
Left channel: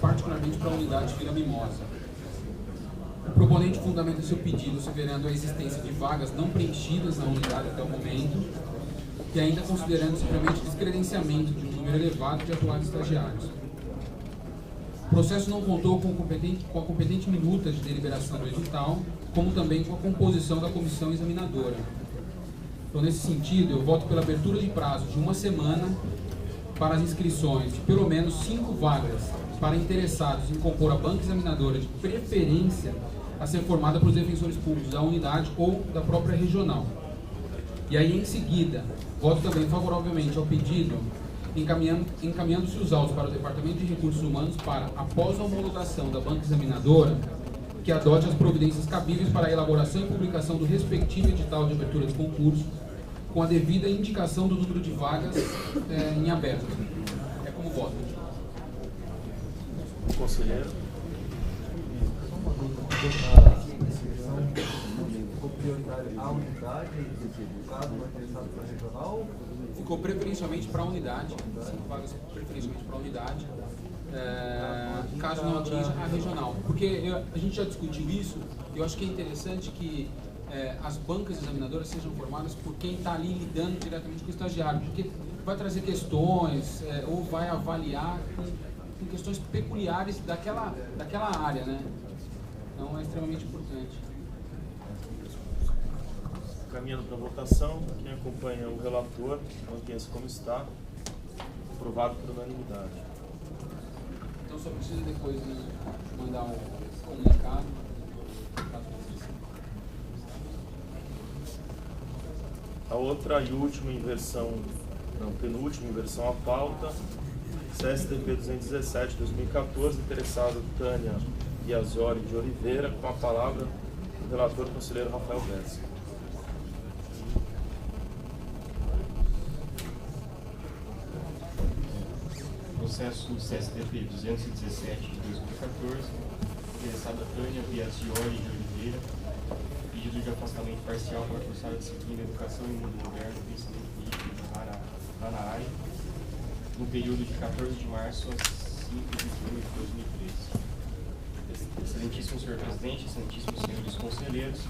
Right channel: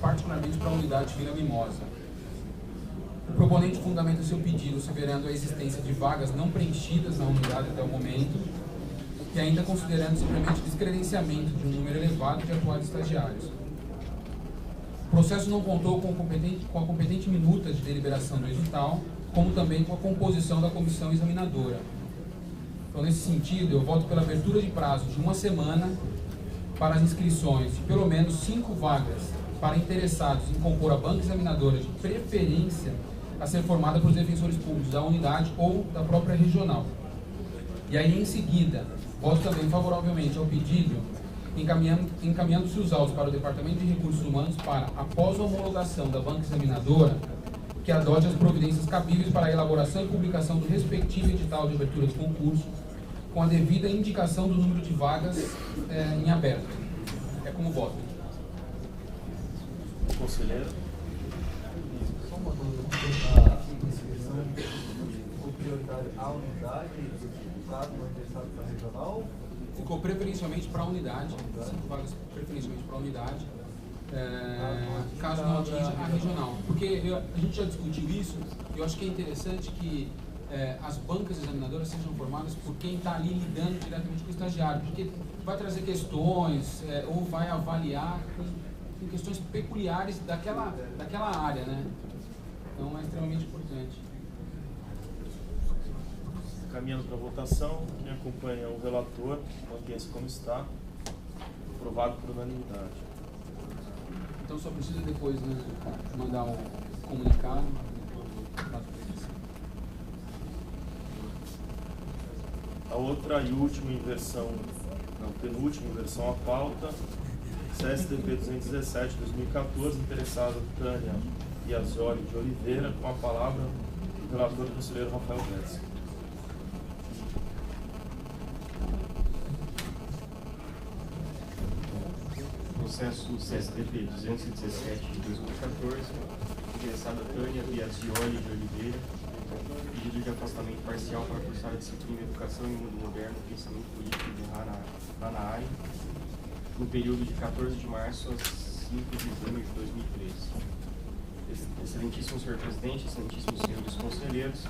particularmente para a unidade Vila Mimosa. O proponente fundamenta seu pedido asseverando a existência de vagas não preenchidas na unidade até o momento e ainda considerando simplesmente descredenciamento de um número elevado de atuais estagiários. O processo não contou com a competente minuta de deliberação do edital, como também com a composição da comissão examinadora. Então, nesse sentido, eu voto pela abertura de prazo de 1 semana para as inscrições de pelo menos 5 vagas para interessados em compor a banca examinadora de preferência a ser formada pelos defensores públicos da unidade ou da própria regional. E aí, em seguida, voto também favoravelmente ao pedido, encaminhando-se os autos para o Departamento de Recursos Humanos para, após a homologação da banca examinadora, que adote as providências cabíveis para a elaboração e publicação do respectivo edital de abertura de concurso, com a devida indicação do número de vagas em aberto. É como voto. Conselheiro. Só uma dúvida. A inscrição ficou prioritária à unidade, caso não interessado para a regional? Ficou preferencialmente para a unidade, 5 vagas preferencialmente para a unidade, caso não atinja a regional. Porque a gente já discutiu isso, e eu acho que é interessante que as bancas examinadoras sejam formadas por quem está ali lidando diretamente com o estagiário, porque vai trazer questões ou vai avaliar com questões peculiares daquela área, né? Então é extremamente importante. Caminhando para a votação, quem acompanha o relator, mantenha-se como está. Aprovado por unanimidade. Então só precisa depois, né, mandar um comunicado. A outra e última inversão, não, penúltima inversão à pauta, CSDP 217 de 2014, interessado Tânia Biasioli de Oliveira, com a palavra o relator conselheiro Rafael Bessa. Processo CSDP 217 de 2014, interessada Tânia Biasioli de Oliveira, pedido de afastamento parcial para cursar a disciplina Educação em Mundo Moderno e Pensamento Político de Hanaai, no período de 14 de março a 5 de junho de 2013. Excelentíssimo senhor presidente, excelentíssimos senhores conselheiros,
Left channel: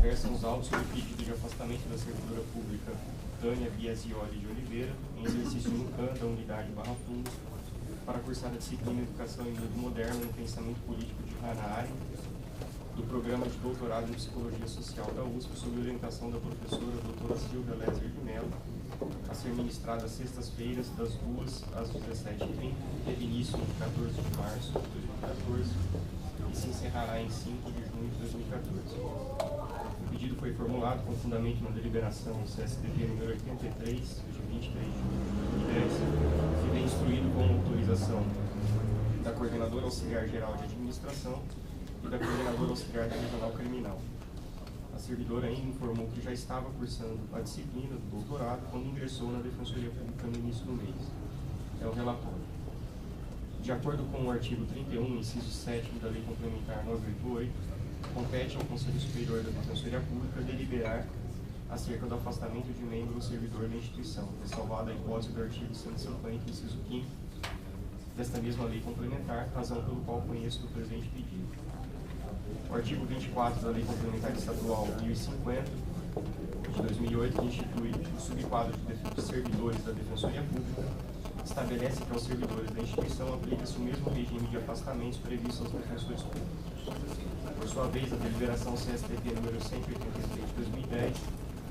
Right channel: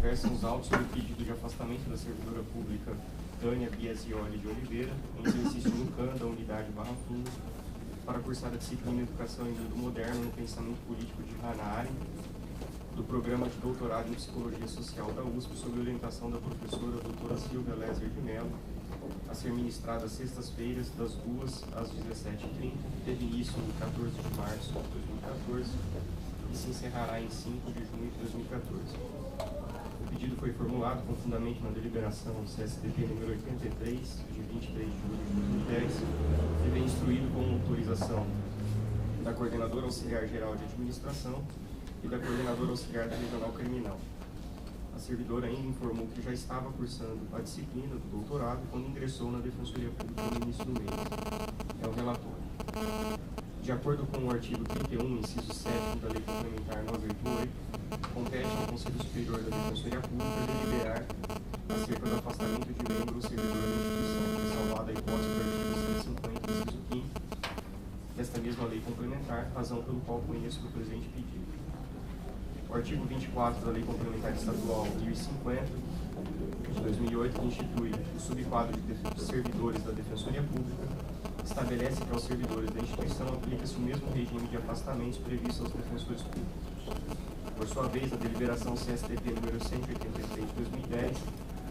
versam os autos sobre o pedido de afastamento da servidora pública Tânia Biasioli de Oliveira, em exercício no CAN da unidade Barra Funda, para cursar a disciplina Educação em Mundo Moderno no Pensamento Político de Hanaai, do programa de doutorado em Psicologia Social da USP, sob orientação da professora doutora Silvia Lézer de Mello, a ser ministrada às sextas-feiras, das 2 às 17h30, teve início em 14 de março de 2014 e se encerrará em 5 de junho de 2014. O pedido foi formulado com fundamento na deliberação CSDP número 83, de 23 de junho de 2010, e vem instruído com autorização da Coordenadora Auxiliar Geral de Administração e da Coordenadora Auxiliar da Regional Criminal. A servidora ainda informou que já estava cursando a disciplina do doutorado quando ingressou na Defensoria Pública no início do mês. É o relatório. De acordo com o artigo 31, inciso 7 da Lei Complementar 988, compete ao Conselho Superior da Defensoria Pública deliberar acerca do afastamento de membro ou servidor da instituição, ressalvada a hipótese do artigo 150, inciso 5 desta mesma lei complementar, razão pelo qual conheço do presente pedido. O artigo 24 da Lei Complementar Estadual 1050, de 2008, que institui o subquadro de servidores da Defensoria Pública, estabelece que aos servidores da instituição aplica-se o mesmo regime de afastamentos previsto aos defensores públicos. Por sua vez, a deliberação CSDP número 183 de 2010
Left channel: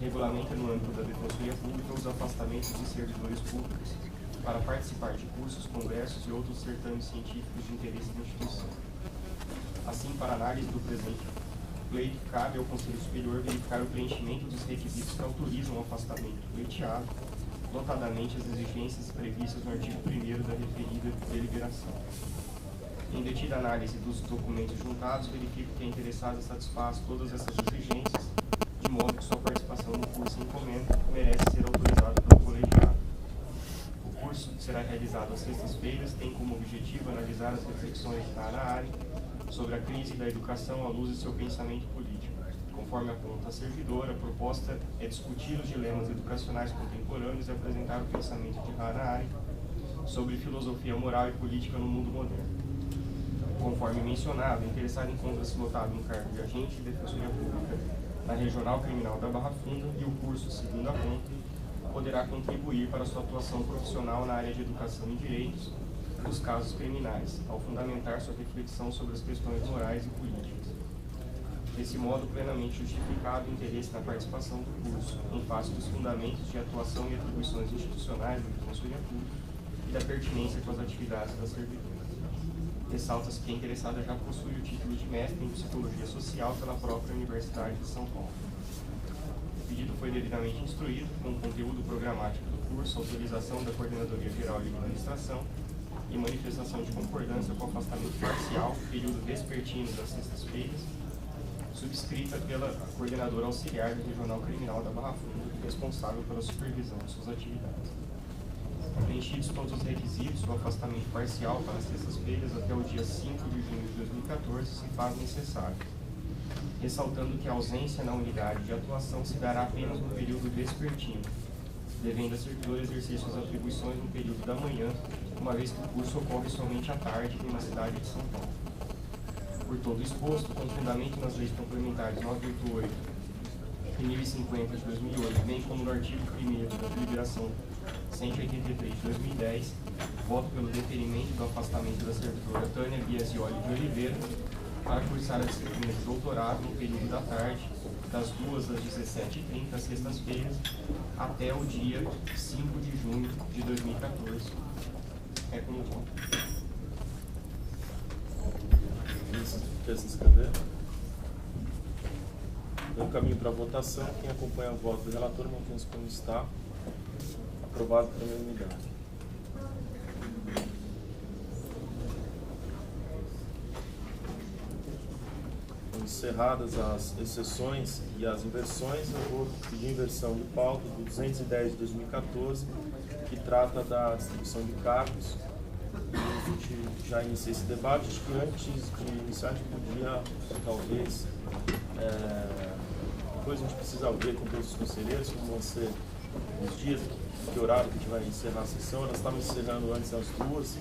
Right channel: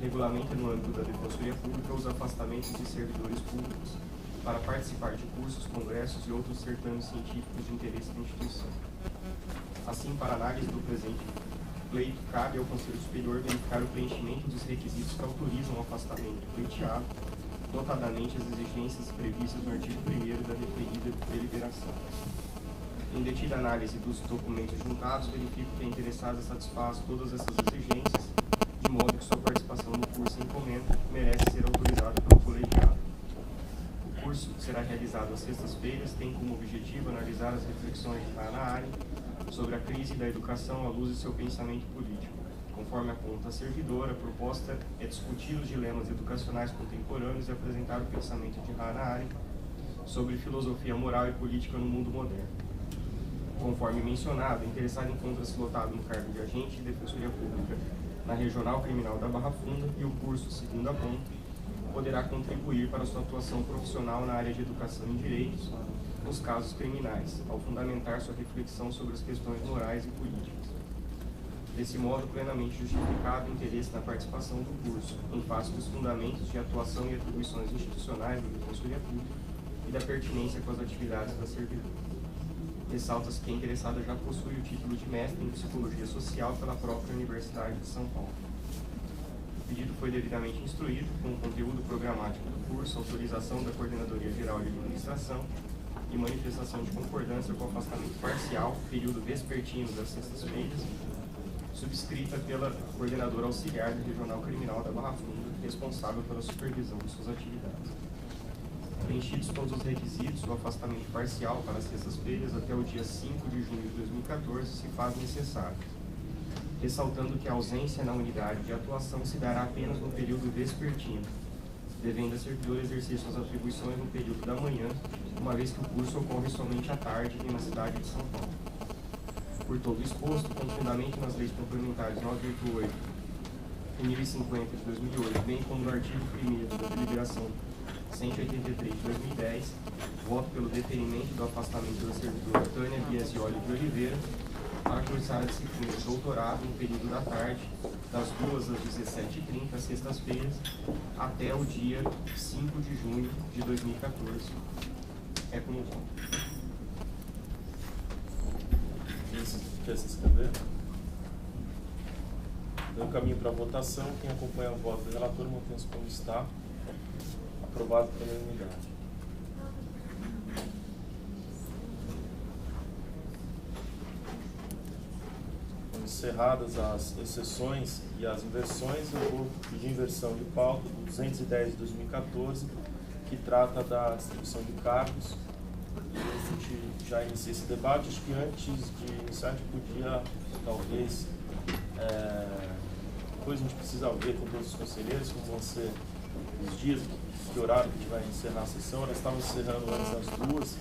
regulamenta no âmbito da Defensoria Pública os afastamentos de servidores públicos para participar de cursos, congressos e outros certames científicos de interesse da instituição. Assim, para análise do presente pleito, cabe ao Conselho Superior verificar o preenchimento dos requisitos que autorizam o afastamento do pleiteado, notadamente as exigências previstas no artigo 1º da referida deliberação. Em detida análise dos documentos juntados, verifico que a interessada satisfaz todas essas exigências, de modo que sua participação no curso em encomenda merece ser autorizada pelo colegiado. O curso será realizado às sextas-feiras, tem como objetivo analisar as reflexões de Hannah Arendt sobre a crise da educação à luz de seu pensamento político. Conforme aponta a servidora, a proposta é discutir os dilemas educacionais contemporâneos e apresentar o pensamento de Hannah Arendt sobre filosofia moral e política no mundo moderno. Conforme mencionado, o interessado encontra-se lotado no cargo de agente de defensoria pública na Regional Criminal da Barra Funda e o curso, segundo aponta, poderá contribuir para sua atuação profissional na área de educação em direitos nos casos criminais, ao fundamentar sua reflexão sobre as questões morais e políticas. Desse modo, plenamente justificado o interesse na participação do curso, em face dos fundamentos de atuação e atribuições institucionais da defensoria pública e da pertinência com as atividades da servidora. Ressalta-se que a interessada já possui o título de mestre em Psicologia Social pela própria Universidade de São Paulo. O pedido foi devidamente instruído, com o conteúdo programático do curso, autorização da Coordenadoria Geral de Administração e manifestação de concordância com o afastamento parcial, período vespertino das sextas-feiras, subscrita pela Coordenadora Auxiliar da Regional Criminal da Barra Funda, responsável pela supervisão de suas atividades. Preenchidos todos os requisitos, o afastamento parcial para as sextas-feiras até o dia 5 de junho de 2014 se faz necessário, ressaltando que a ausência na unidade de atuação se dará apenas no período vespertino, devendo a servidora exercer suas atribuições no período da manhã, uma vez que o curso ocorre somente à tarde e na cidade de São Paulo. Por todo exposto, com fundamento nas leis complementares 988 e 1050 de 2008, bem como no artigo 1º da deliberação 183 de 2010, voto pelo deferimento do afastamento da servidora Tânia Biasioli de Oliveira para cursar a disciplina de doutorado no período da tarde, das 2 às 17h30, sextas-feiras, até o dia 5 de junho de 2014. É como voto. Quer se inscrever? No caminho para a votação, quem acompanha o voto do relator mantém-se como está. Aprovado pela unanimidade. Encerradas as exceções e as inversões, eu vou pedir inversão de pauta do 210 de 2014, que trata da distribuição de cargos. E a gente já inicia esse debate. Acho que antes de iniciar a gente podia, talvez, depois a gente precisa ver com todos os conselheiros como vão ser os dias, que horário que a gente vai encerrar a sessão. Elas estavam encerrando antes às 2,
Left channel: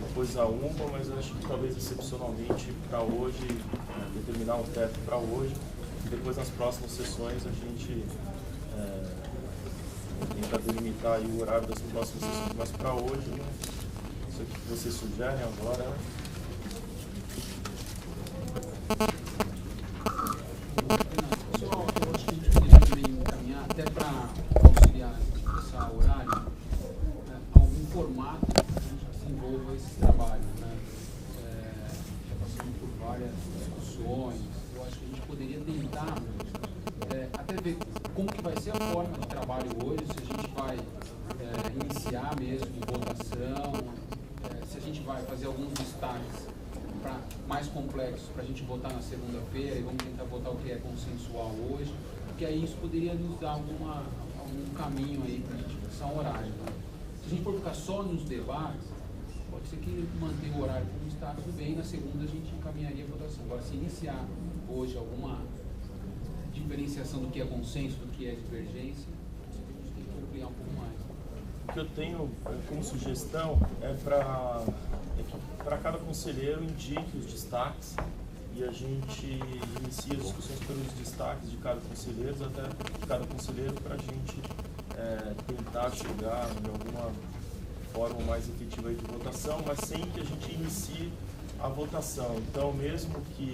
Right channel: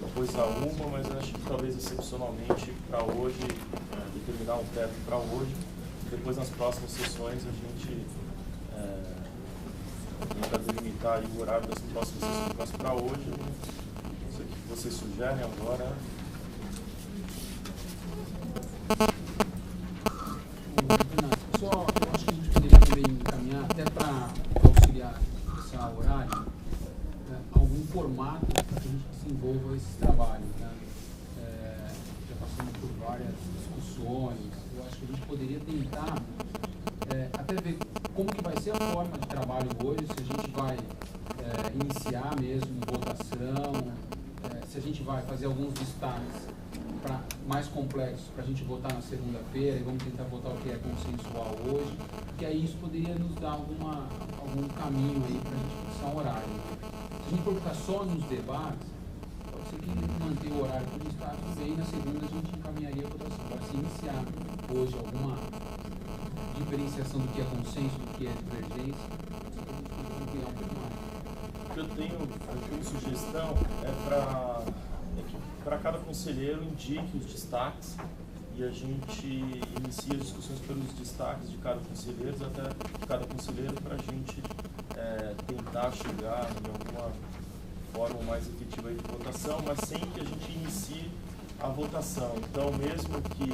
depois a 1, mas eu acho que talvez excepcionalmente para hoje, determinar um teto para hoje, e depois nas próximas sessões a gente tenta delimitar aí o horário das próximas sessões, mas para hoje, não sei o que vocês sugerem agora. Só, eu acho que a gente poderia também encaminhar, até para auxiliar esse horário, algum formato para que a gente desenvolva esses trabalhos, né? Já passamos por várias discussões, eu acho que a gente poderia tentar até ver como que vai ser a forma de trabalho hoje, se a gente vai iniciar mesmo votação, se a gente vai fazer alguns destaques mais complexos para a gente votar na segunda-feira e vamos tentar votar o que é consensual hoje, porque aí isso poderia nos dar algum caminho aí para a gente fixar um horário. Se a gente for ficar só nos debates, pode ser que manter o horário como está, tudo bem, na segunda a gente encaminharia a votação. Agora, se iniciar hoje alguma diferenciação do que é consenso, do que é divergência, a gente tem que ampliar um pouco mais. O que eu tenho como sugestão é que para cada conselheiro indique os destaques e a gente inicia as discussões pelos destaques de cada conselheiro, até de cada conselheiro, para a gente tentar chegar em alguma forma mais efetiva de votação, mas sem que a gente inicie a votação. Então, mesmo que,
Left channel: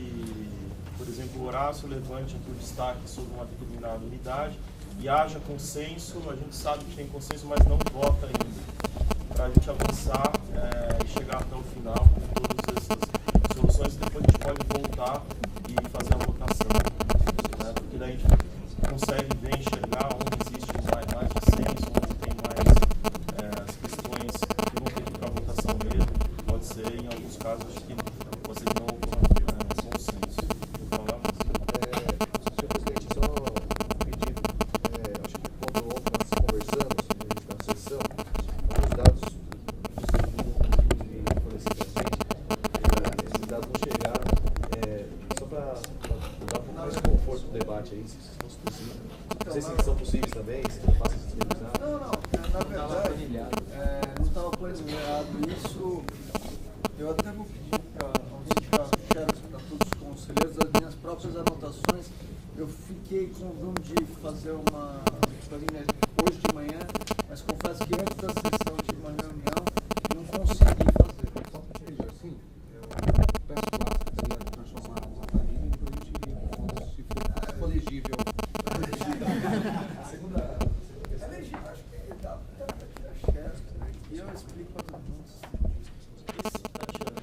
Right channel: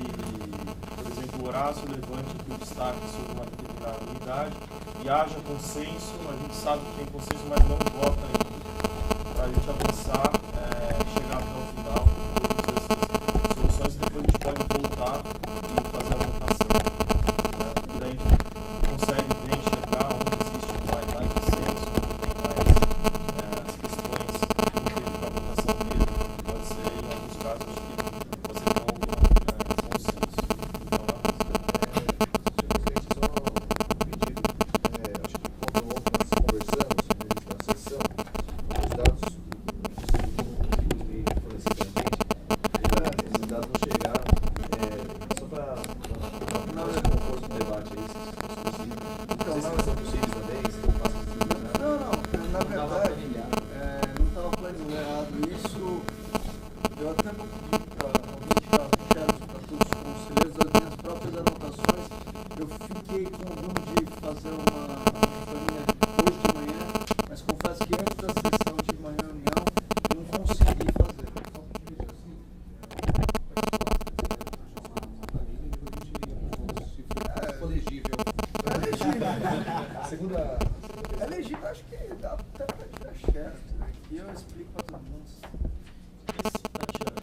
por exemplo, o Horácio levante aqui o destaque sobre uma determinada unidade e haja consenso, a gente sabe que tem consenso, mas não vota ainda. para a gente avançar e chegar até o final com todas essas soluções. Depois a gente pode voltar e fazer a votação, né? Porque daí a gente consegue bem enxergar onde existe mais dissenso, onde tem mais as questões que vão ter para a votação mesmo. Pode ser, em alguns casos, acho que pode ser com algum consenso. Então, lá. Senhor presidente, só um pedido. Acho que quando ontem nós conversamos na sessão, alguns dados que fornecidos para a gente, esses dados não chegaram. Só para dar mais conforto no debate aí, se fosse possível. Não sei se são possíveis também, se não fazem disponibilizar. Não, na verdade, não estava planejado isso. Eu até vou pedir para alguém tirar xerox para todos os conselheiros das minhas próprias anotações. Eu fiquei com o rumo de fazer uma planilha hoje de manhã, mas confesso que antes da sessão tive uma reunião e não consegui fazer. Só para pedir assim, eu peço lá se quiser transformar uma planilha e depois a gente iria para todos se for legível. É legível. A segunda É legível, acho que dá até para tirar xerox, né? E eu explico para todo mundo.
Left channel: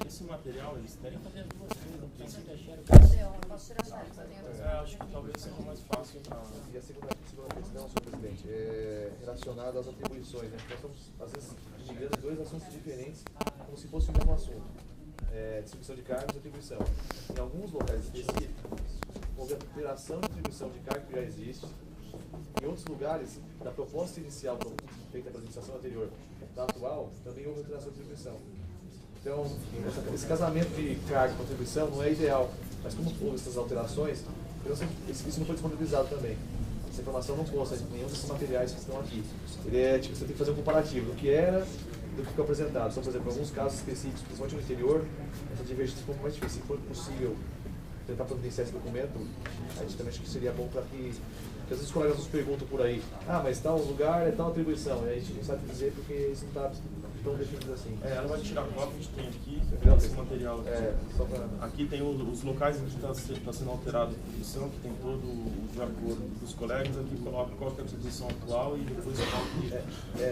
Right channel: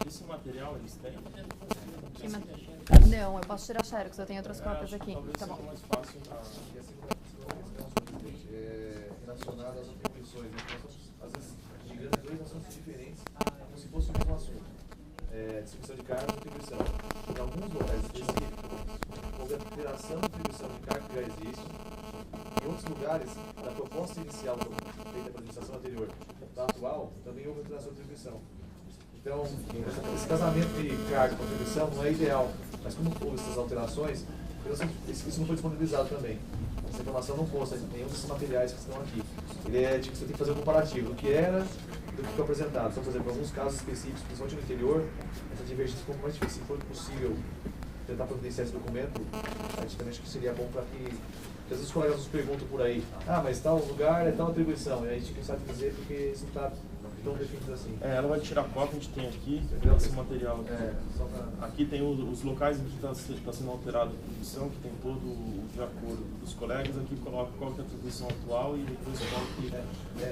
Esse material eles têm? Não, eu posso tirar xerox, eu tenho outras cópias Acho que aqui. talvez Tá seja bom. mais fácil na... E a segunda questão, senhor presidente, é relacionada às atribuições. Né? Nós estamos, às vezes, migrando dois assuntos diferentes, como se fosse o mesmo assunto. Distribuição de cargos e atribuição. Em alguns locais específicos, houve alteração de atribuição de cargo que já existe. Em outros lugares, da proposta inicial feita pela administração anterior da atual, também houve alteração de atribuição. Então, esse casamento de cargo com atribuição não é ideal, mas como houve essas alterações, isso não foi disponibilizado também. Essa informação não consta em nenhum desses materiais que estão aqui. Você tem que fazer um comparativo do que era e do que foi apresentado. Então, por exemplo, em alguns casos específicos, principalmente no interior, essa divergência ficou mais difícil. Se for possível tentar providenciar esse documento, a gente também acho que seria bom para que às vezes os colegas nos perguntam por aí, mas tal lugar é tal atribuição, e a gente não sabe dizer porque isso não está tão definido assim. Ela vai tirar cópia, a gente tem aqui, esse material aqui. Só pra... Aqui tem os locais em que está sendo alterada a atribuição, que tem todo o de acordo dos colegas. Aqui coloca qual que é a atribuição atual e depois qual que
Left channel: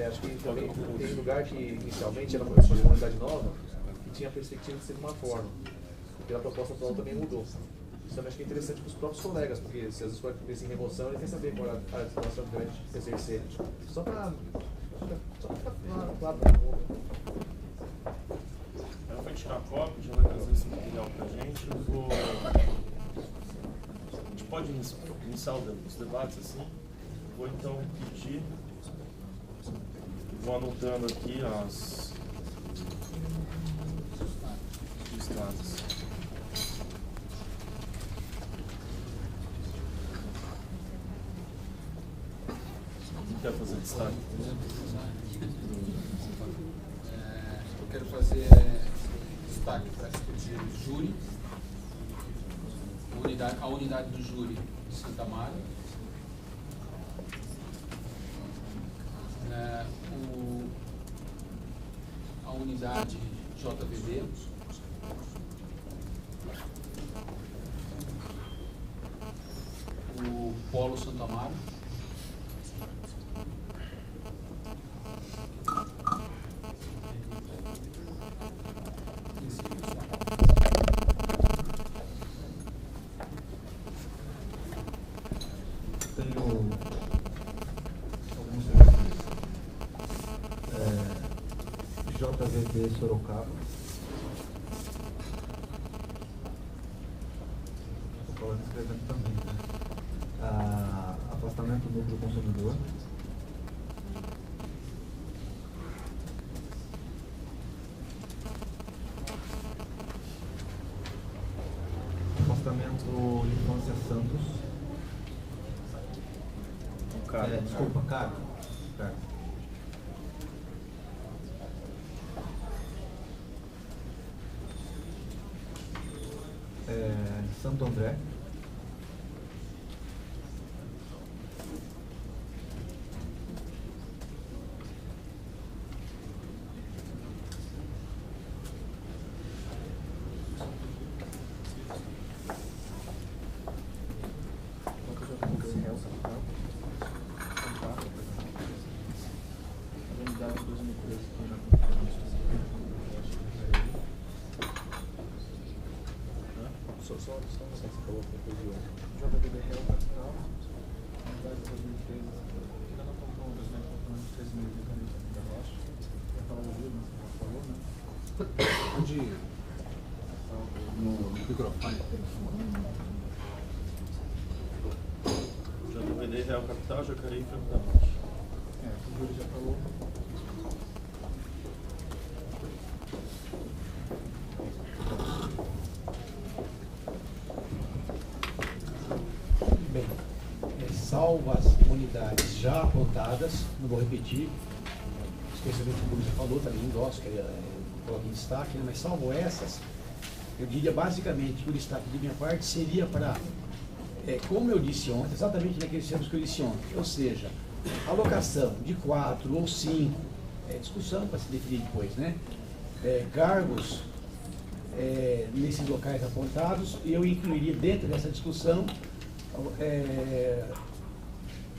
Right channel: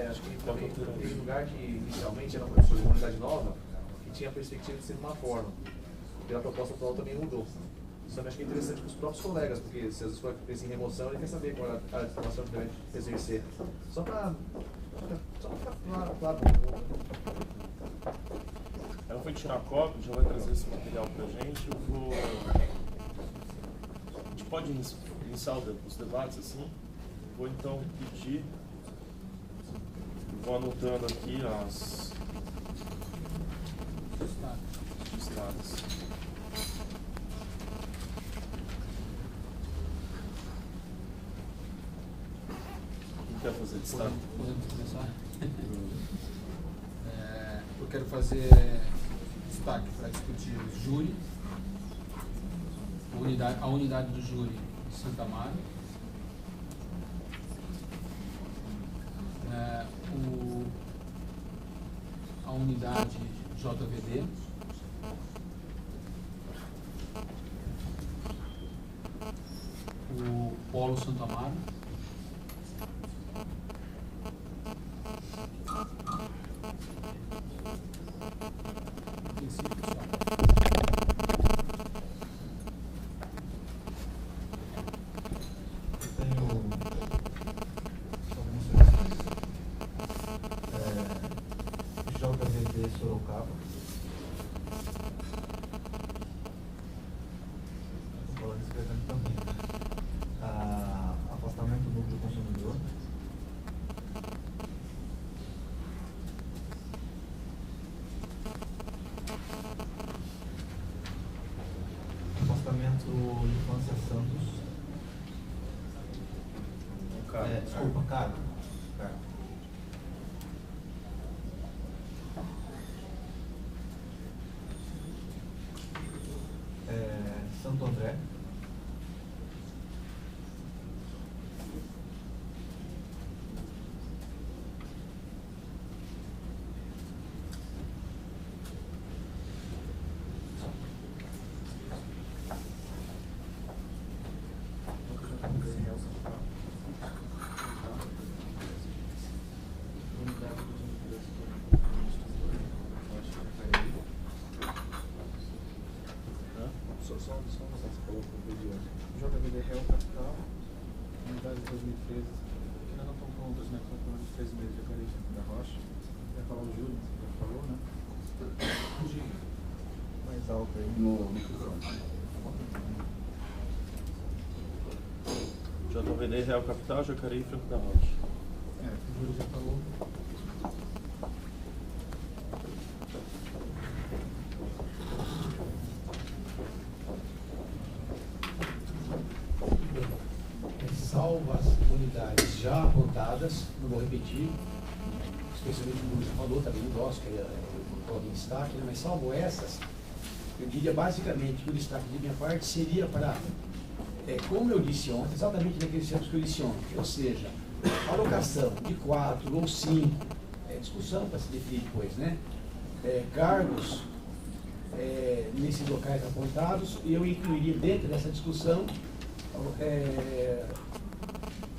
acho que também tem lugar que inicialmente era uma unidade nova, que tinha a perspectiva de ser de uma forma. Pela proposta atual também mudou. Isso também acho que é interessante para os próprios colegas, porque se às vezes for pensar em remoção, ele quer saber qual é a situação que deve exercer. Só para ficar claro para todo mundo. Ela vai tirar a cópia, já vai trazer esse material para a gente. A gente pode iniciar os debates assim. Vou então pedir, vou anotando aqui os destaques. Quer fazer destaque? Eu quero fazer destaque para discutir o júri, a unidade do júri de Santa Amaro, a unidade JVD, o Polo Santa Amaro, JVD Sorocaba. Estou falando escrevendo também. Afastamento do núcleo consumidor. Afastamento Infância Santos. Desculpa, Cargo. Santo André. JVD Real Capital, unidade 2013, que ainda não estão prontas, né? Estão prontas 3 meses de Carência da Rocha. Ia falar do Júlio, você já falou, né? Onde mais alto aí? No microfone. JVD Real Capital, Jacareí e Franco da Rocha. O Júlio já falou. Bem, salvo as unidades já apontadas, não vou repetir, especialmente o Bruno já falou, também endosso, que eu coloquei em destaque, né? Mas salvo essas, eu diria basicamente que o destaque de minha parte seria para, como eu disse ontem, exatamente naqueles termos que eu disse ontem, ou seja, alocação de 4 ou 5, discussão para se definir depois, né? Cargos nesses locais apontados, e eu incluiria dentro dessa discussão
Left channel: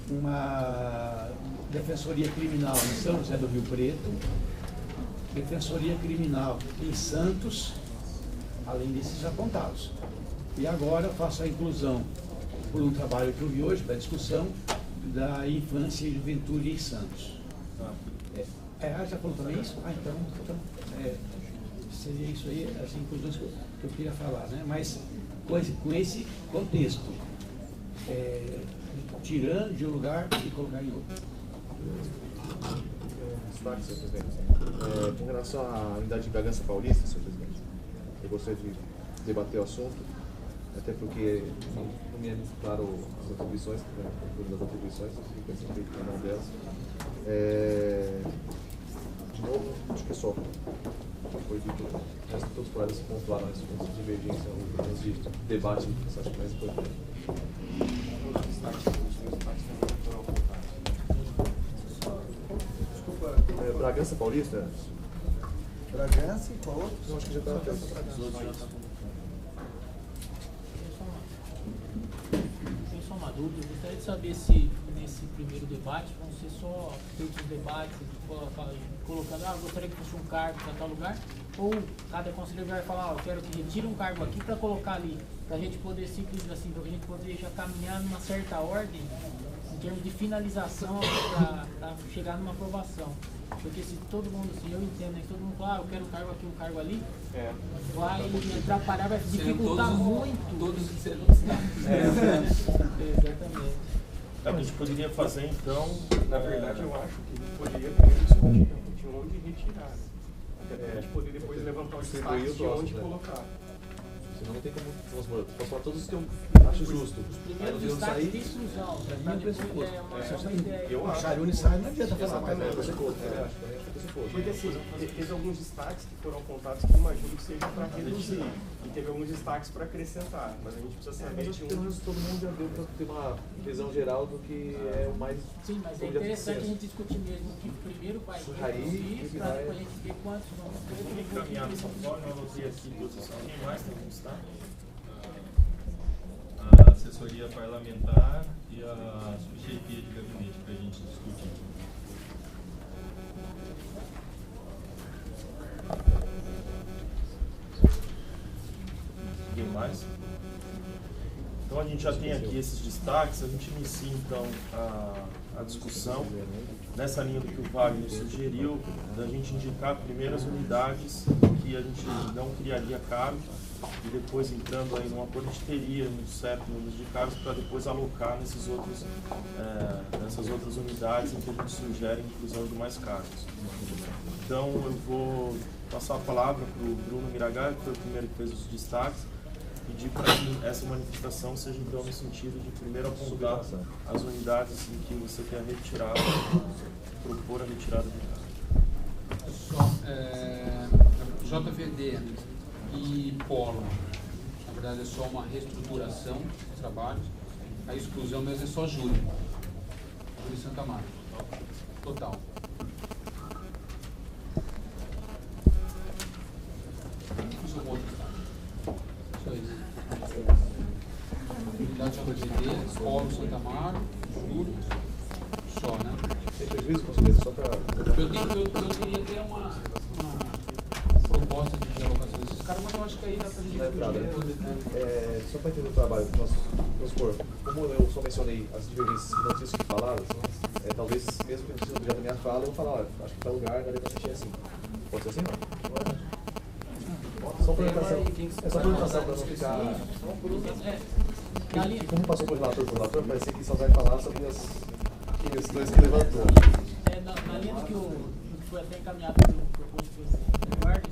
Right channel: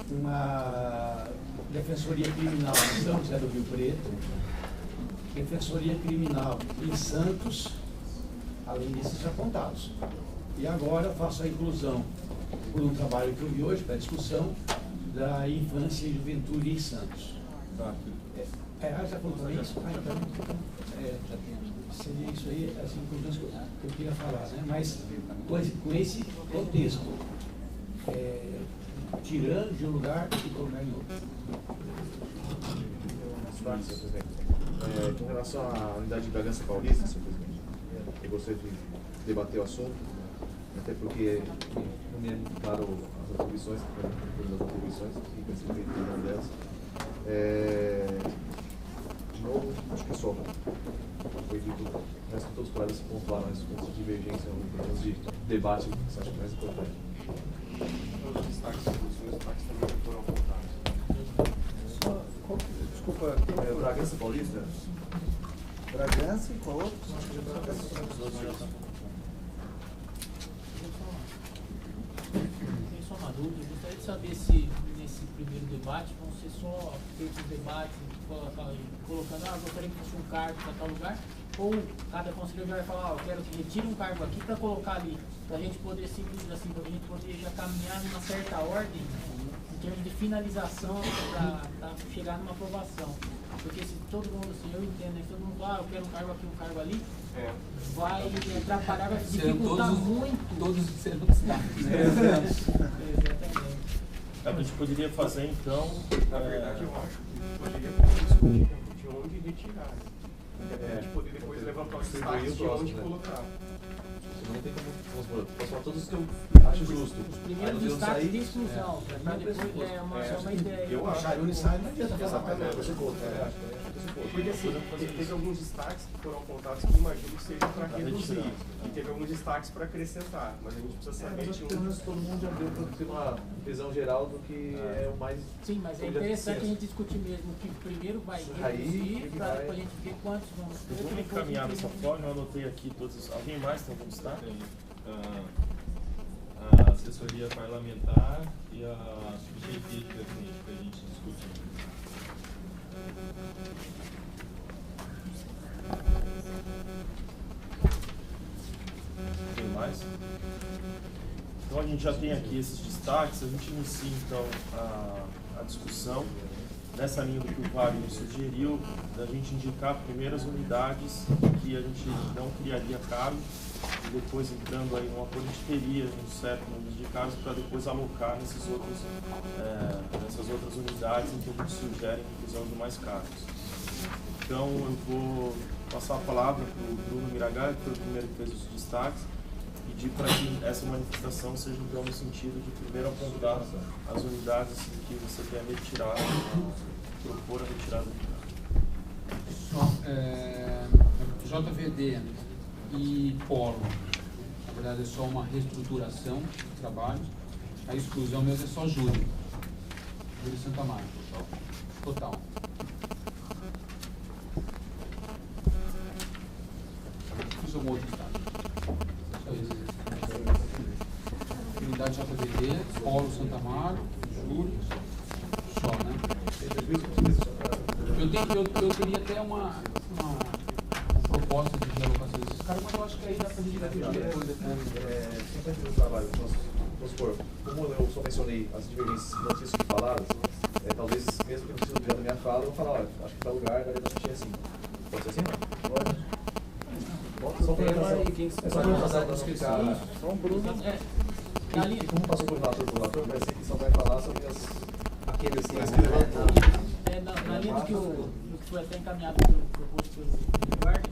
uma defensoria criminal em São José do Rio Preto, defensoria criminal em Santos, além desses apontados. E agora faço a inclusão, por um trabalho que eu vi hoje, para discussão, da infância e juventude em Santos. Já falou também isso? Então seria isso aí, as inclusões que eu queria falar, né? Mas com esse contexto, tirando de um lugar e colocar em outro. Com relação à unidade de Bragança Paulista, senhor presidente, eu gostaria de debater o assunto, até porque não me é muito claro as atribuições, das atribuições, e pensei em cada uma delas. De novo, acho que só foi dito, o resto de todos os colegas pontuaram esses pontos de divergência, os pontos de debate, que eu acho mais importante. Os destaques também foram apontados. Desculpa. Bragança Paulista? Bragança e qual outro? Acho que já está. Tenho só uma dúvida, eu gostaria de saber se nesse primeiro debate vão ser só feitos debates, colocando, gostaria que fosse um cargo para tal lugar, ou cada conselheiro vai falar, eu quero que retire um cargo aqui para colocar ali, para a gente poder simples assim, para a gente poder já caminhar numa certa ordem, em termos de finalização, para chegar numa aprovação. Porque se todo mundo, assim, eu entendo, né, que todo mundo fala, eu quero um cargo aqui, um cargo ali, vai atrapalhar, vai dificultar muito. Todos serão cidades. Exatamente. A gente poderia fazer então. Na verdade, eu acho que poderia discutir de onde retirar. Até para a gente poder depois levantar os destaques de onde colocar. Senão não tem como, vamos supor, posso falar todos os que eu acho justo. Os primeiros destaques de exclusão, para depois uma ideia. Eu acho. Não adianta falar mais nada. Porque assim, teve alguns destaques que foram apontados que imagino que sejam para reduzir. E teve alguns destaques para acrescentar. Mas a gente precisa saber mas acho que pelo menos todo mundo já deu para ter uma visão geral do que é o mais. Sim, mas é interessante a gente discutir mesmo que primeiro vai reduzir, para depois a gente ver quantos vão. Vamos encaminhar dessa forma, eu anotei aqui todos. Alguém mais tem algum destaque? A assessoria parlamentar e a subchefia de gabinete para a gente discutir. Alguém mais? Então a gente já tem aqui esses destaques, a gente inicia então a discussão nessa linha do que o Wagner sugeriu, da gente indicar primeiro as unidades que a gente não criaria cargo e depois entrando aí num acordo a gente teria um certo número de cargos para depois alocar nessas outras unidades em que a gente sugere a inclusão de mais cargos. Então eu vou passar a palavra para o Bruno Miragaia, que foi o primeiro que fez os destaques, pedir para que essa manifestação seja então no sentido de primeiro apontar as unidades em que você quer retirar, propor a retirada de cargo. JVD e Polo, na verdade é só uma reestruturação de trabalhos, a exclusão mesmo é só Júlio Santa Marta, total. Fiz algum outro estado. Só isso. Unidade JVD, Polo Santa Marta, Júlio, só, né? Eu teria até uma proposta de alocação desses cada uma eu acho que aí dá pra gente Só para entender o trabalho, vamos supor, como eu só mencionei as divergências que não tinham sido faladas, talvez mesmo que não seja objeto da minha fala, eu vou falar, olha, acho que tal lugar daria para mexer assim. Pode ser assim, não? Pode. Só para orientação para não ficar... E como passou por relator, parecia que só vai falar sobre as questões que levantou. Na linha do que foi até encaminhado proposto pelo Eduardo,